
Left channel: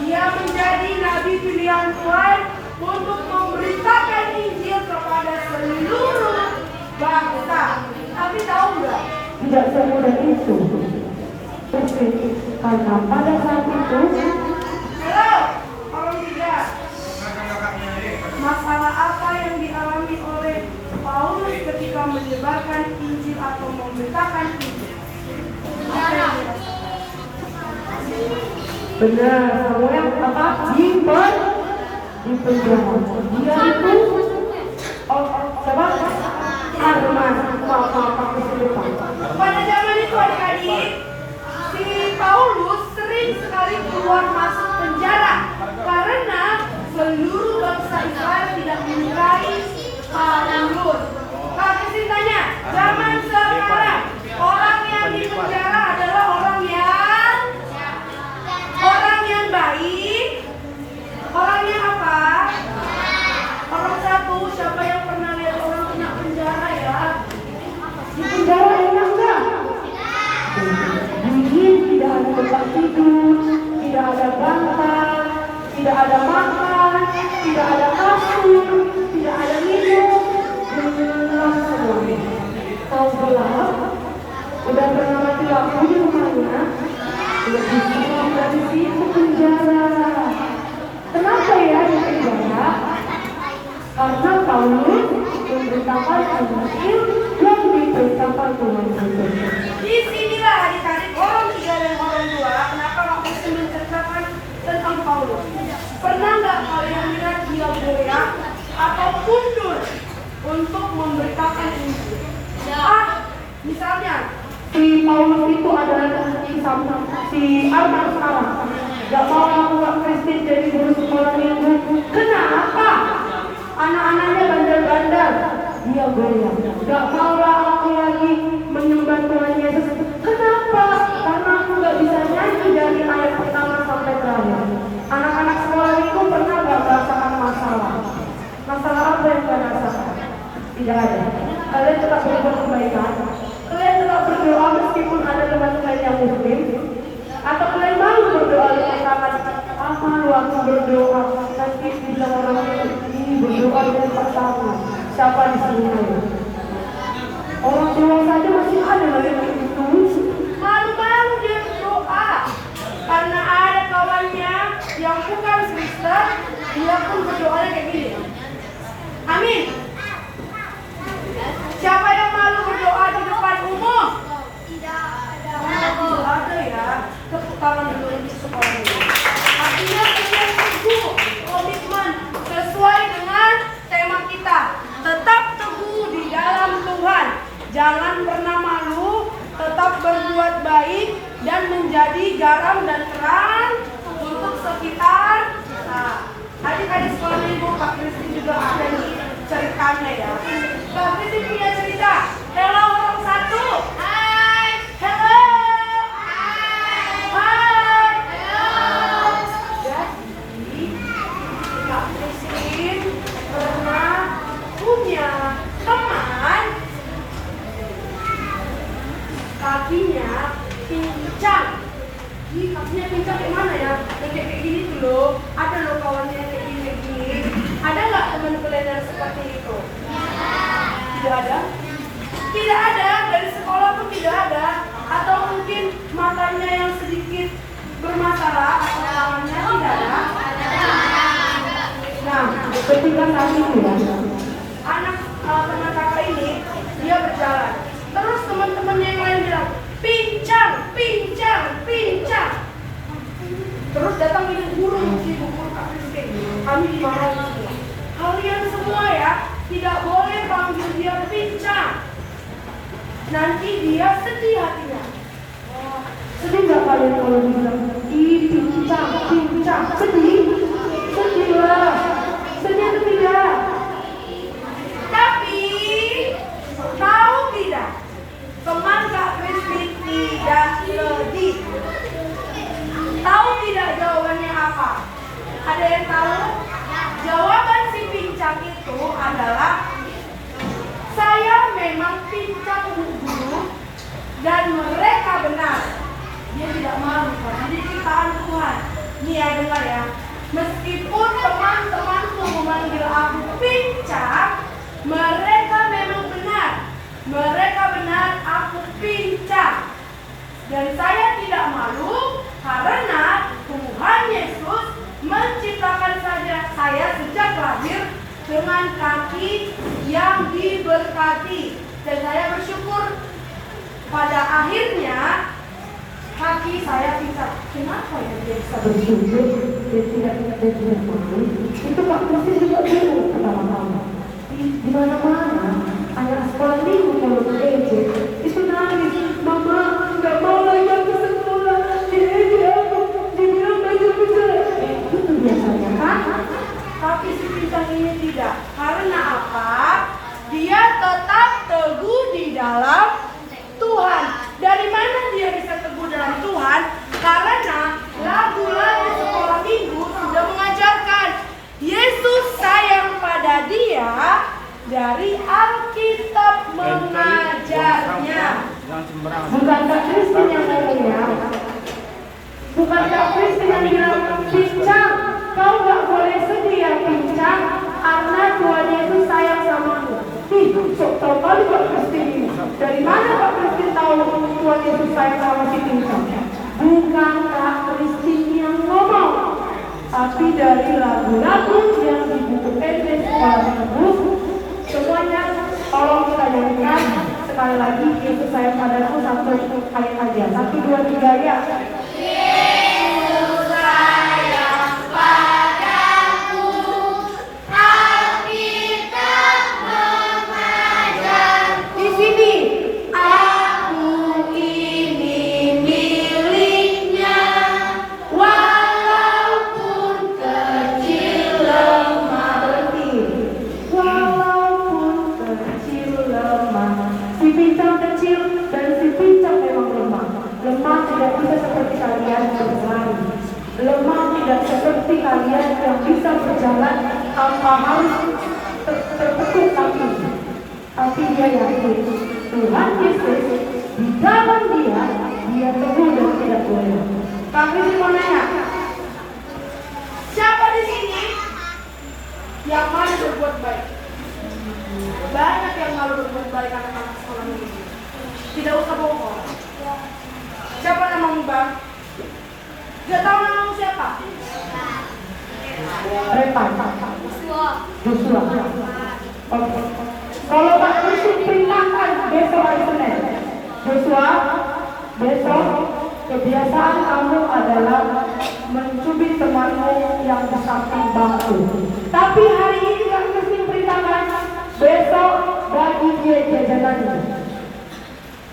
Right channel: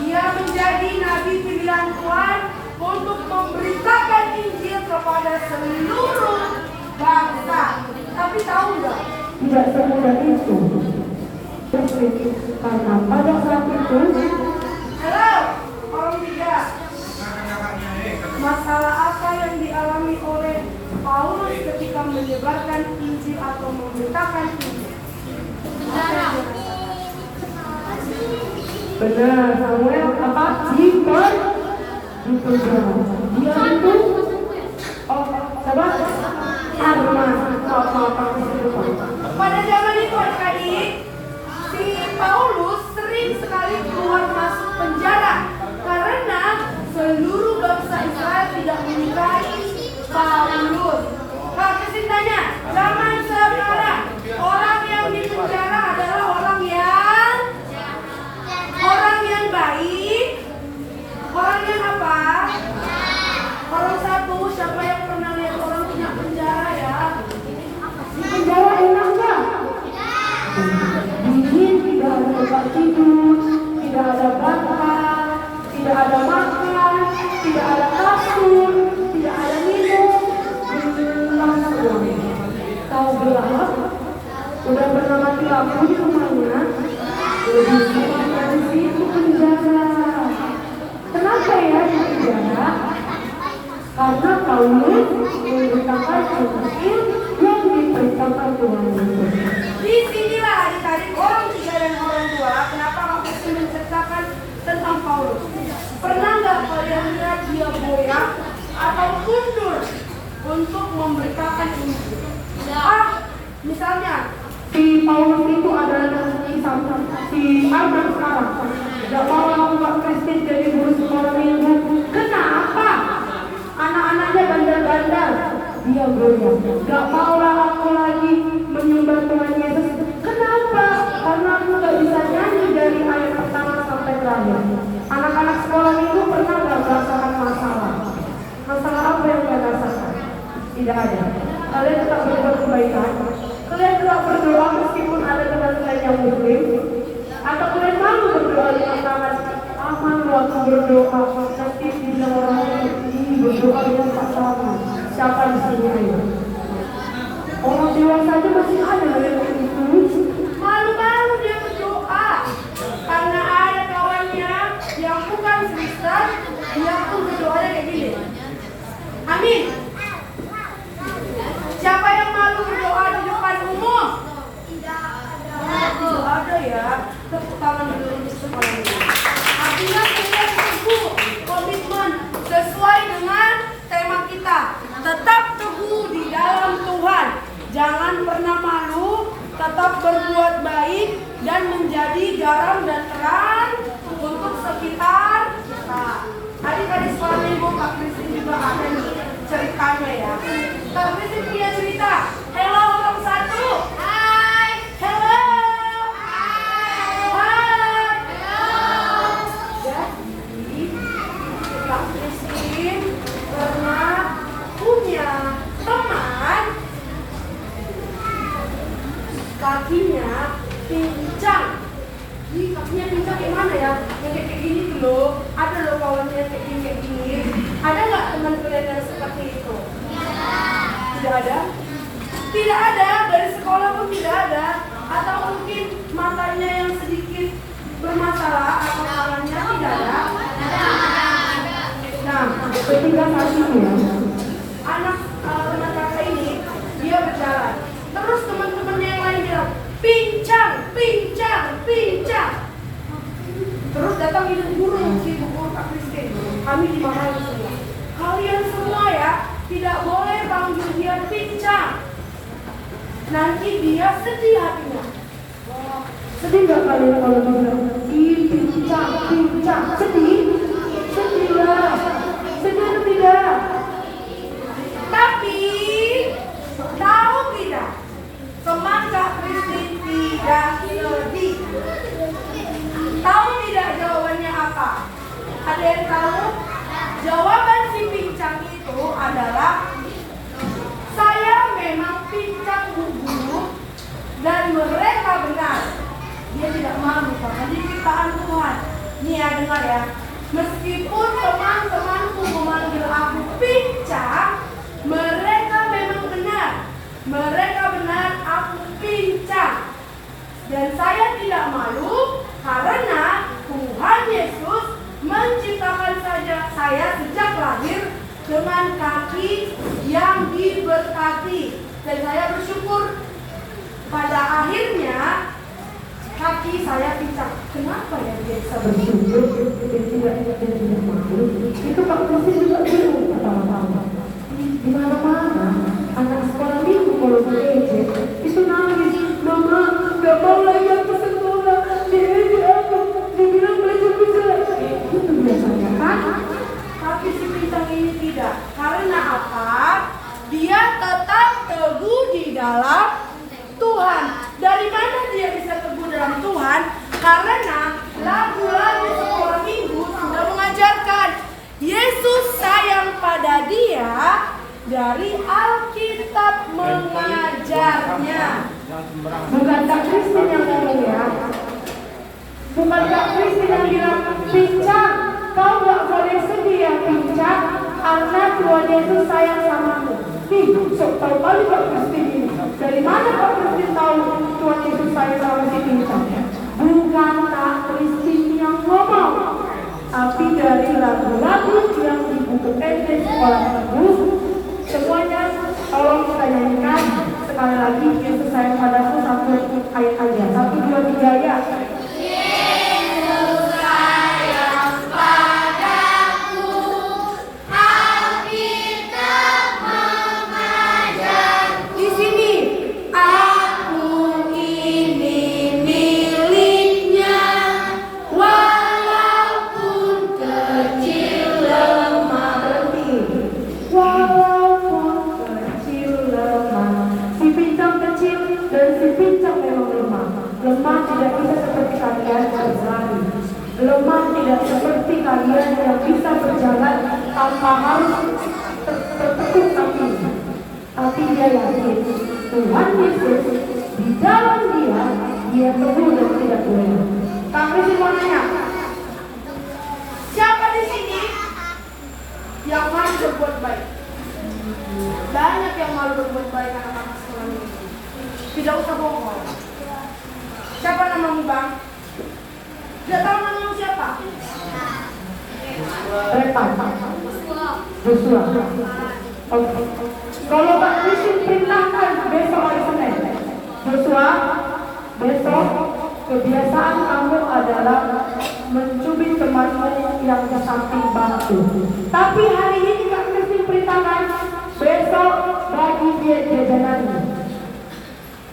Dia menjadi nabi pilihan Tuhan untuk memberitakan Injil kepada seluruh bangsa. Tapi tahu nggak? Tidak semudah itu. Karena pada saat itu, halo, orang tiga. Masalah apa yang dialami oleh Paulus ketika menyebarkan Injil atau memberitakan Injil? Apa yang dirasakan? Benar, Samuel apa? Dipenjara. Dia itu, coba Arman. Pada zaman itu adik-adik, si Paulus sering sekali keluar masuk penjara karena seluruh bangsa Israel tidak menyukai Paulus. Kak Kristin tanya, zaman sekarang orang yang di penjara adalah orang yang baik, orang yang apa? Orang satu, siapa yang pernah lihat orang kena penjara ya? Di penjara enak nggak? Dingin, tidak ada tempat tidur, tidak ada bantal, tidak ada makan, tidak ada kasur, tidak ada minum. Tahu Paulus. Pernah nggak kalian lihat dia goyah atau mundur untuk memberitakan Injil? Misalnya Si Paulus itu adalah si Arman sekarang. Gak mau buat Kristen jadi guru sekolah minggu. Kenapa? Anak-anaknya bandar-bandar. Dia goyah. Gak maulah aku lagi menyembah Tuhan Yesus. Kenapa? Karena aku gak bisa nyanyi dari ayat pertama sampai terakhir. Anak-anak sekolah minggu pernah gak merasakan masalah? Masalah apa yang kalian rasakan? Tidak ada. Kalian tetap berbuat kebaikan. Kalian tetap berdoa meskipun ada teman-teman yang muslim. Atau kalian malu berdoa di tangan. Malu aku berdoa. Nanti bila orang ini berdoa dan pertama. Siapa di sini ayo? Orang Jawa saja masih ada loh yang begitu. malu-malu dia berdoa karena ada kawannya yang bukan Kristen, dia pun berdoanya kayak gini. Amin. Siapa yang malu berdoa di depan umum? Tidak ada ya. Tepuk tangan dulu untuk sekolah ini. Artinya kita teguh komitmen sesuai dengan tema kita. Tetap teguh di dalam Tuhan. Jangan pernah malu. Tetap berbuat baik dan menjadi garam dan terang untuk sekitar kita. Adik-adik sekolah minggu Kak Kristi juga ada nih ceritanya ya. Kak Kristi punya cerita. Hello orang satu. Hai. Hello. Hai. Hai. Hello. Jadi Kak Kristi pernah punya teman kakinya pincang. Kakinya pincang kayak mana ya? Yang kayak gini tuh loh. Ada loh kawannya kayak gini. Ada nggak teman kalian yang seperti itu? Tidak ada? Tidak ada, dari sekolah pun tidak ada. Atau mungkin matanya yang sedikit bermasalah atau tangannya tidak ada? Nah, Ketiga kali itu ya. anak teman kakak ini dia berjalan. Terus teman-temannya yang lain bilang, pincang, pincang, pincang. Terus datang ini guru Kak Kristi. Kami dimarahin semua. Kalian semua ya tidak boleh panggil dia pincang. Nanti dia sedih hatinya. Sedih nggak kalian kalau bilang pincang, pincang? Sedih? Sedih lah. Sedih atau tidak? Tapi tahu tidak? Teman Kak Kristi tidak sedih. Tahu tidak jawabannya apa? Ada yang tahu? Jawaban si pincang itu adalah saya memang pincang guru dan mereka benar. Dia tidak malu karena di ciptaan Tuhan. Nih ya dengar ya. Meskipun teman-temanku memanggil aku pincang, mereka memang benar. Mereka benar, aku pincang. Dan saya tidak malu karena Tuhan Yesus menciptakan saya sejak lahir dengan kaki yang diberkati. Dan saya bersyukur pada akhirnya kaki saya pincang. Kenapa ya dia bisa Bersyukur dia tidak malu. Itu Kak Kristi juga bingung pertama-tama. Di mana-mana anak sekolah minggu kalau bereje itu nangis, mama nggak mau lagi aku sekolah, dibilang baju jelek. Itu biasanya kan? Tapi si pincang ini tidak. Karena apa? Dia tetap teguh di dalam Tuhan. Dari mana dia bisa teguh dalam Tuhan? Karena lagu-lagu sekolah minggu sudah mengajarkan Yesus sayang pada dia. Dari Alkitab mengajarnya. Bukan Kak Kristi yang mulia. Bukan Kak Kristi yang bilang pincang, kau nggak boleh sedih ya pincang, karena Tuhan Yesus sayang samamu. Sok tahu kali Kak Kristi ini. Dari mana Kak Kristi tahu Tuhan Yesus sayang sama si pincang? Bukan Kak Kristi yang ngomong, tapi dari lagu-lagu yang di buku Efes sekolah minggu. Semuanya tolong kita nyanyikan sekali lagi. Yesus sayang padaku, satu ayat aja. 1, 2, 3 ya. Yesus sayang harus tertutup tapi dia yakin Tuhan Yesus di dalam dia teguh dan tidak goyah. Kami mau nanya, siapa di sini yang malu berbuat baik? Banyak yang malu berbuat baik anak-anak sekolah ini. Tidak usah bohong. Siapa namamu, Bang? Tidak tahu namamu siapa? Joshua. Oke. Kalau Pak Presiden perintahkan besok hari Senin, Joshua, besok kebiasaan kamu adalah mencubit temanmu yang di samping bangku. Tapi hari ini Pak Presiden perintahkan besok bagi dia jajanan.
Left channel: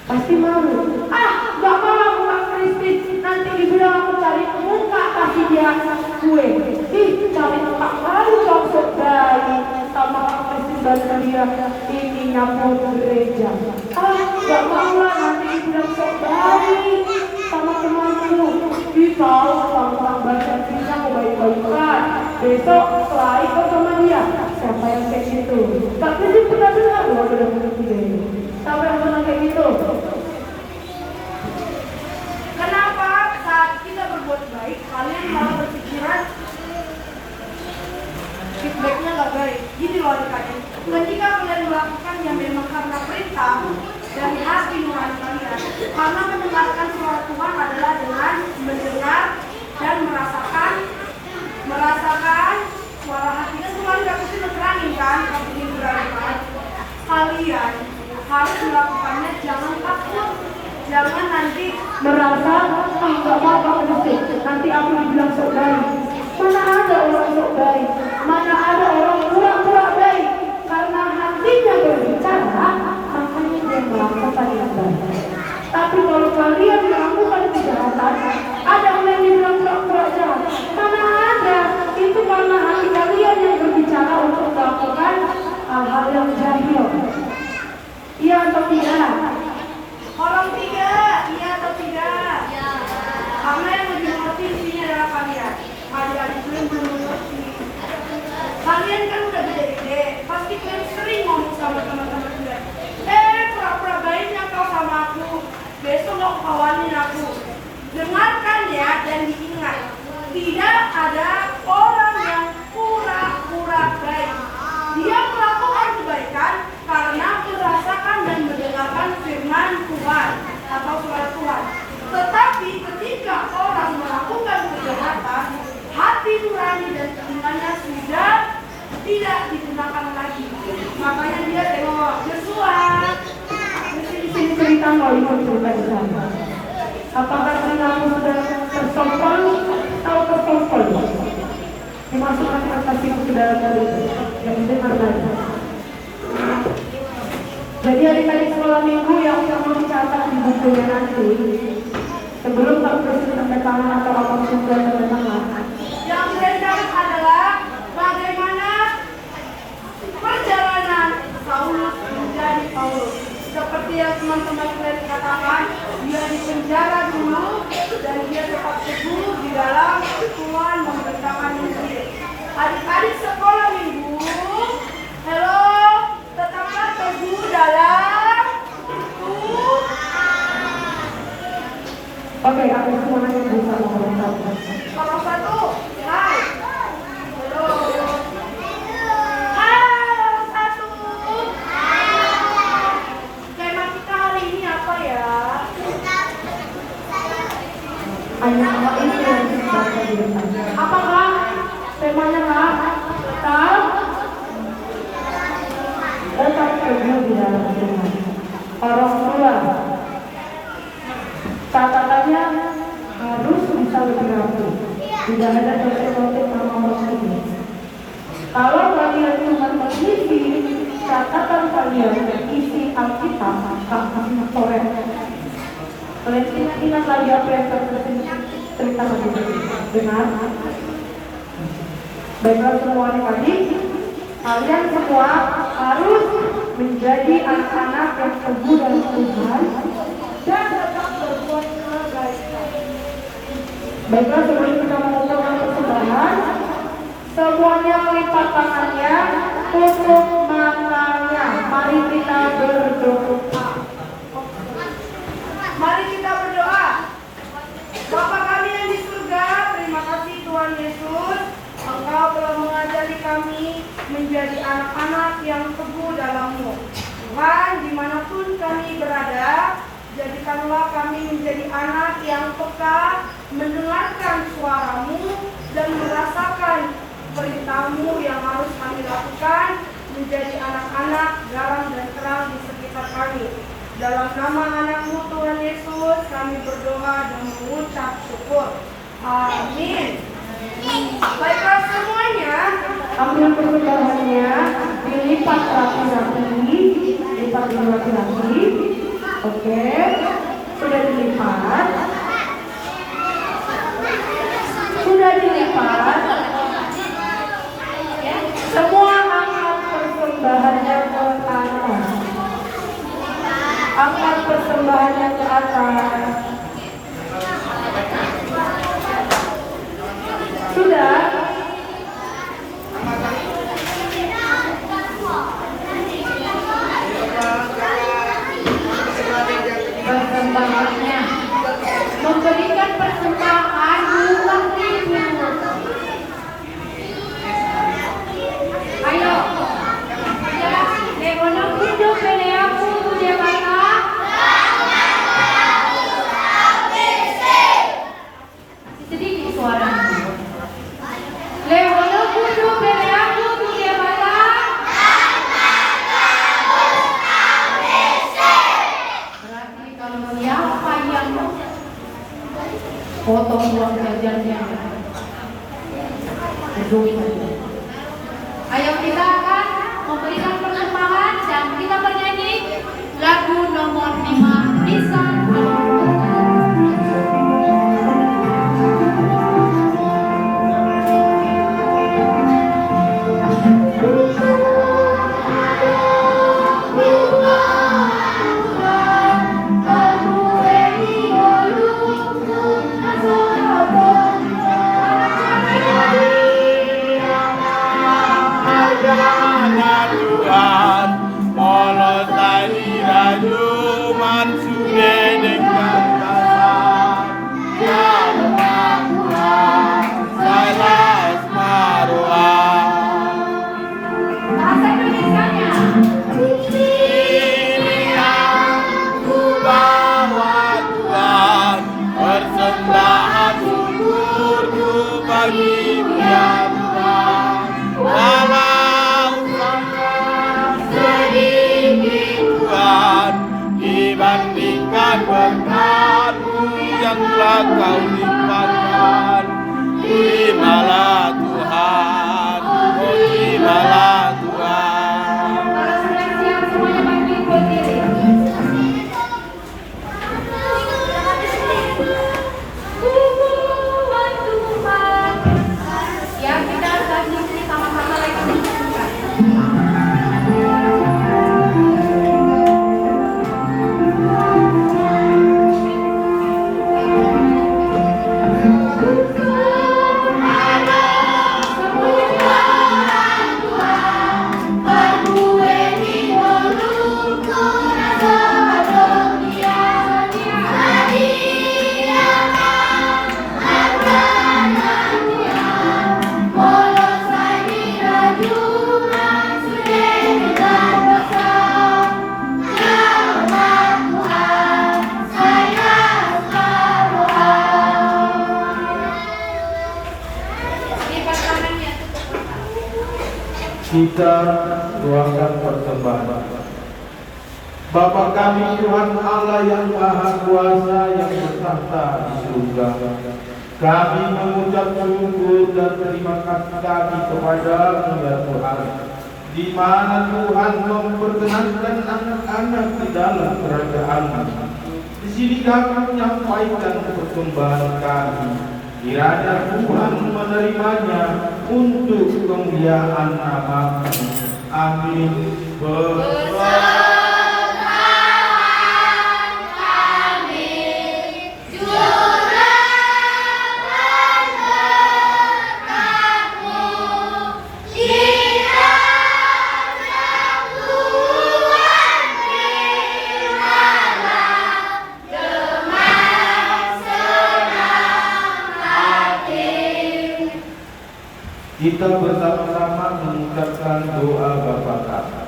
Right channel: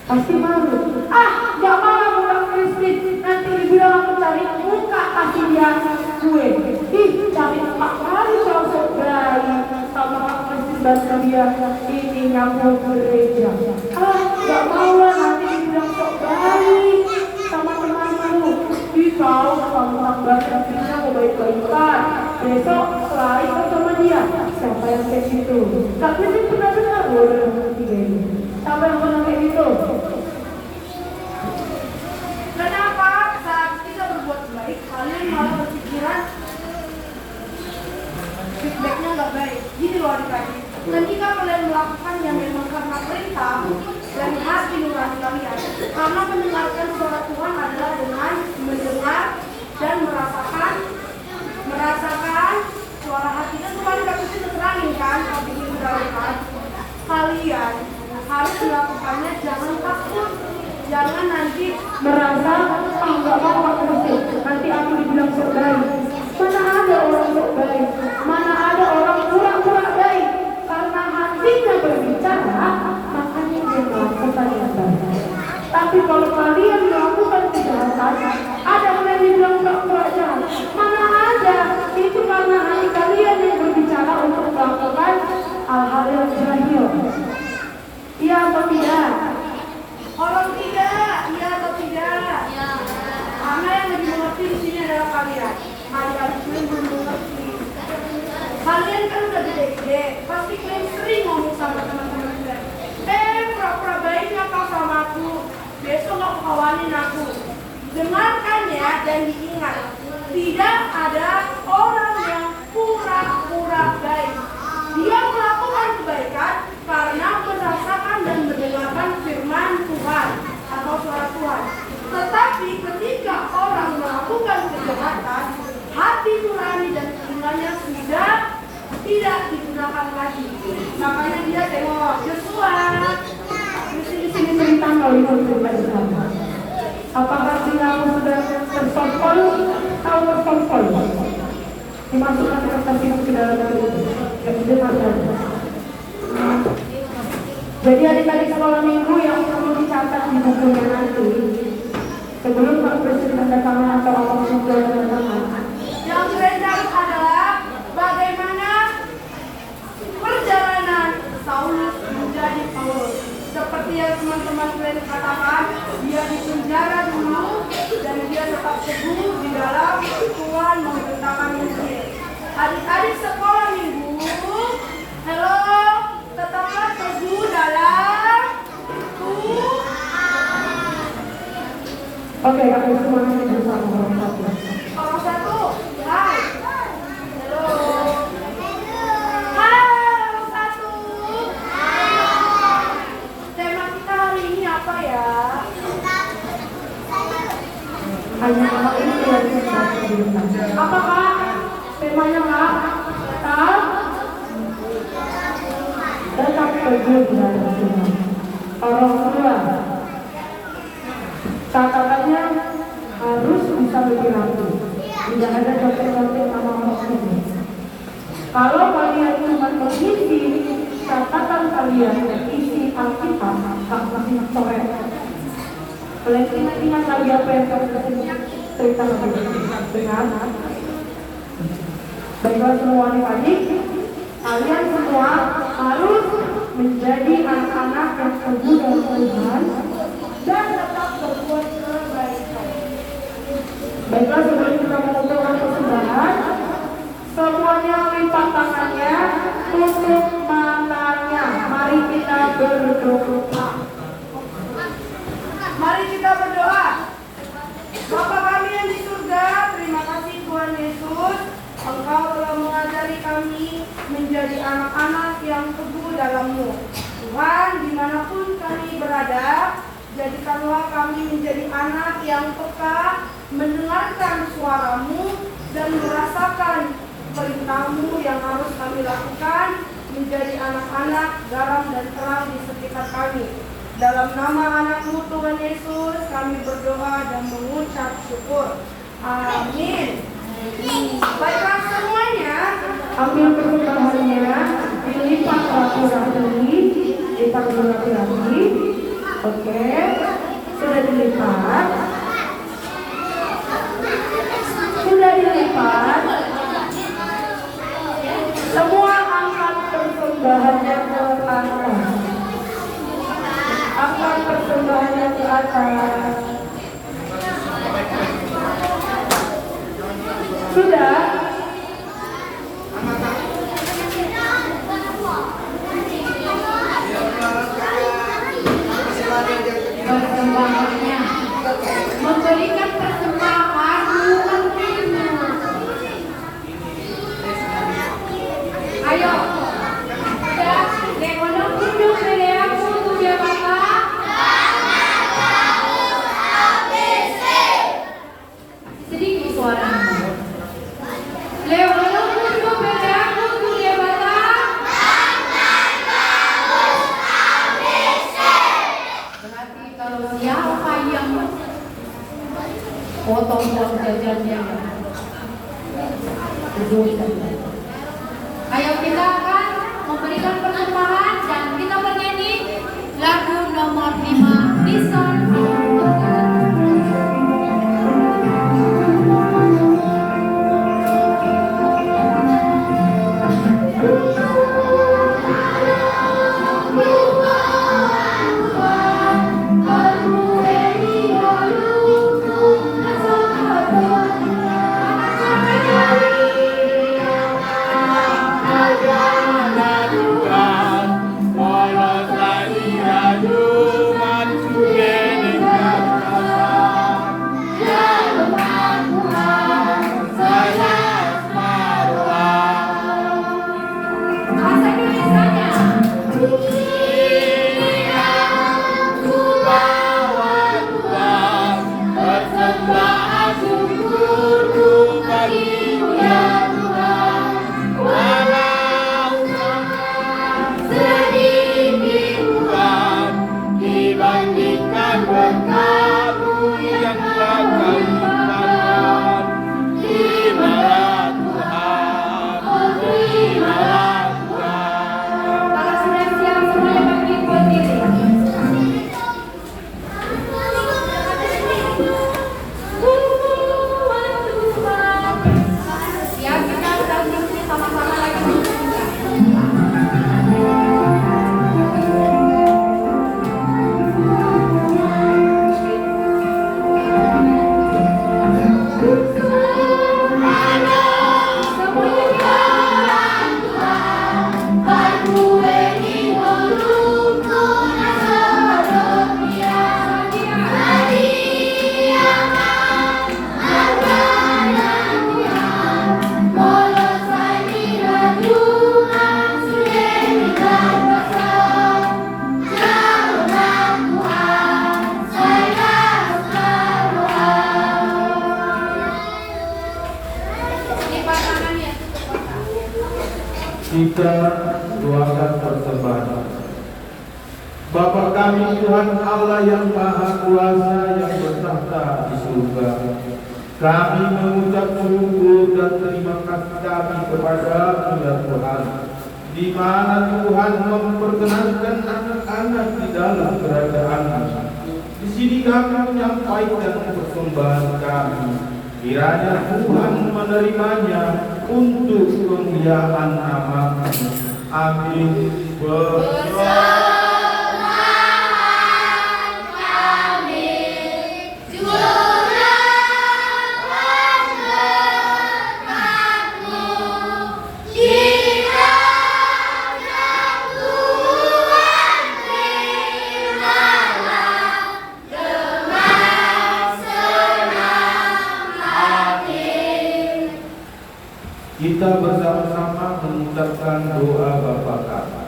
Pasti malu. Gak mau Pak Presiden, nanti dibilang aku cari muka kasih dia kue. Cari muka kali kau sebaik sama Pak Presiden dan dia ini nyambung gereja. Gak mau lah nanti dibilang sebaik sama temanku. Tahu sama bahasa Inggrisnya mau baik-baikan. Besok selain kau sama dia, siapa yang kayak gitu? Pak Presiden pernah dengar loh dalam video ini. Siapa yang pernah kayak gitu? Kenapa saat kita berbuat baik, kalian malah berpikiran feedbacknya nggak baik? Gitu loh adik-adik. Ketika kalian melakukan yang memang karena perintah dari hati nurani kalian, karena mendengarkan suara Tuhan adalah dengan mendengar dan merasakan suara hati. Dan kemarin Kak Putri terangin kan, kalian harus melakukannya, jangan takut. Jangan nanti merasa nggak mau Pak Presiden, nanti aku dibilang sok baik. Mana ada orang sok baik, mana ada orang pura-pura baik. Karena hatinya berbicara, makanya dia melakukan yang baik. Tapi kalau kalian melakukan kejahatan, ada orang yang bilang sok jahat. Mana ada, itu karena hati kalian yang berbicara untuk melakukan hal-hal yang jahil. Iya atau tidak? orang tidak, iya atau tidak? Ya. Karena yang lebih mengerti di sini adalah kalian. Adik-adik kalian belum mengerti. Kalian kan udah gede-gede, pasti kalian sering ngomong sama teman-teman kalian. Pura-pura baiknya kau sama aku, besok kau kawanin aku. Dengarkan ya dan diingat, tidak ada orang yang pura-pura baik. Dia melakukan kebaikan karena merasakan dan mendengarkan firman Tuhan atau suara Tuhan. Tetapi ketika orang melakukan kejahatan, hati nurani dan telinganya sudah tidak digunakan lagi. Makanya dia tengok Joshua. Di sini cerita mau ikut pribadi. Apakah kamu sudah tersompol atau tersompol? Dimasukkan kertas itu ke dalam kali yang didengarkan. Jadi adik-adik sekolah minggu yang perlu dicatat di bukunya nanti, sebelum Pak Presiden tanda tangan atau apapun yang dengar. Yang dicatat adalah bagaimana perjalanan Saulus menjadi Paulus. Seperti yang teman-teman kalian katakan, dia dipenjara dulu dan dia tetap teguh di dalam Tuhan memerintahkan dia. Adik-adik sekolah minggu, halo, tetaplah teguh dalam Tuhan. Oke, kami semuanya bersama sama. Orang satu, hai. Halo. Hai, orang satu. Tema kita hari ini apa ya? Hanya apa itu yang dibaca di depan. Apakah temanya Kak? Tetap teguh di dalam Tuhan. Orang tua, catatannya harus bisa lebih rapi. Tidak ada contoh-contoh nama ini. Kalau kalian cuma mengisi catatan kalian isi Alkitab, tak masih coret. Kalian ingat lagi apa yang saya cerita lagi? Benar? Baiklah semua tadi, kalian semua harus menjadi anak-anak yang teguh dari Tuhan dan tetap berbuat kebaikan. Baiklah sebelum kita mengumpulkan persembahan, semuanya melipat tangannya anak-anak yang teguh dalam-Mu. Tuhan, dimanapun kami berada, jadikanlah kami menjadi anak yang peka, mendengarkan suara-Mu, dan merasakan perintah-Mu yang harus kami lakukan, menjadi anak-anak garam dan terang di sekitar kami. Dalam nama anak-Mu Tuhan Yesus, kami berdoa dan mengucap syukur. Amin. Baiklah semuanya, Ambil persembahannya, dilipat rapi-rapi, lipat rapi-rapi. Oke, sudah dilipat. Sudah dilipat. Semua angkat persembahannya ke atas. Angkat persembahannya ke atas. Sudah. Persembahannya memberikan persembahan uang itu. Ayo, sudah. Lekono hidup pele aku dia kata. Sedikit suaranya. Lekono hidup pele aku dia kata. Berarti kalau siapa yang potong uang jajannya berdosa. Ayo kita akan memberikan persembahan dan kita bernyanyi lagu nomor 5 Nisa. Bahasa Indonesianya. Kalau sudah siap semuanya bangkit berdiri. Siap kita berdiri sama-sama lagi. Lipat tangannya tutup mata. Kita doakan persembahan. Bapa kami Tuhan Allah yang Maha Kuasa yang bertahta di surga, kami mengucap syukur dan terima kasih kami kepada-Mu ya Tuhan, di mana Tuhan memperkenankan anak-anak di dalam kerajaan-Mu. Di sini kami menyampaikan persembahan kami. Kiranya Tuhan menerimanya untuk kemuliaan nama-Mu. Amin. Kita bersama-sama mengucapkan doa Bapa kami.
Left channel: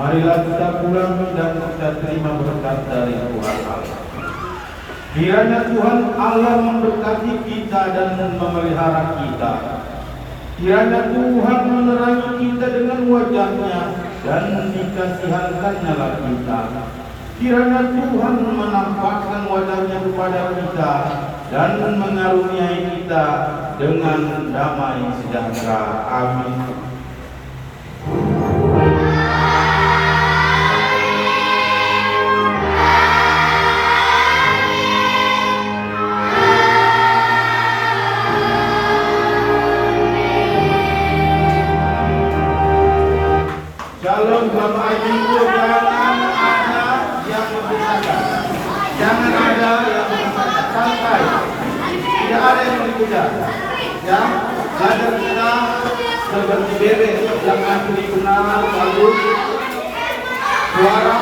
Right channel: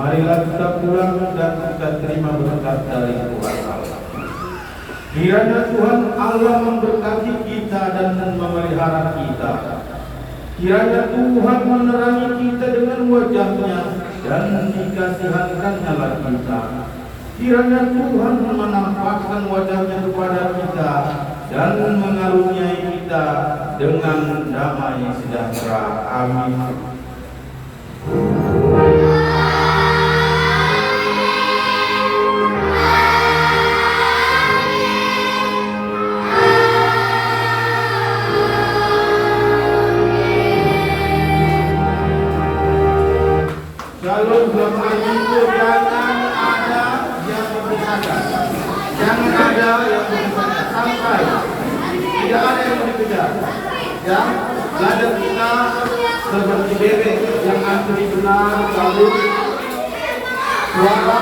Marilah kita pulang dan kita terima berkat dari Tuhan Allah. Kiranya Tuhan Allah memberkati kita dan memelihara kita. Kiranya Tuhan menerangi kita dengan wajahnya dan dikasihankannya lagi kita. Kiranya Tuhan menampakkan wajahnya kepada kita dan mengaruniai kita dengan damai sejahtera. Amin. Shalom Bapak Ibu, jangan ada yang dipisahkan, jangan ada yang dipisahkan sampai tidak ada yang dikejar. Ya, belajar kita seperti bebek yang nanti dikenal lalu suara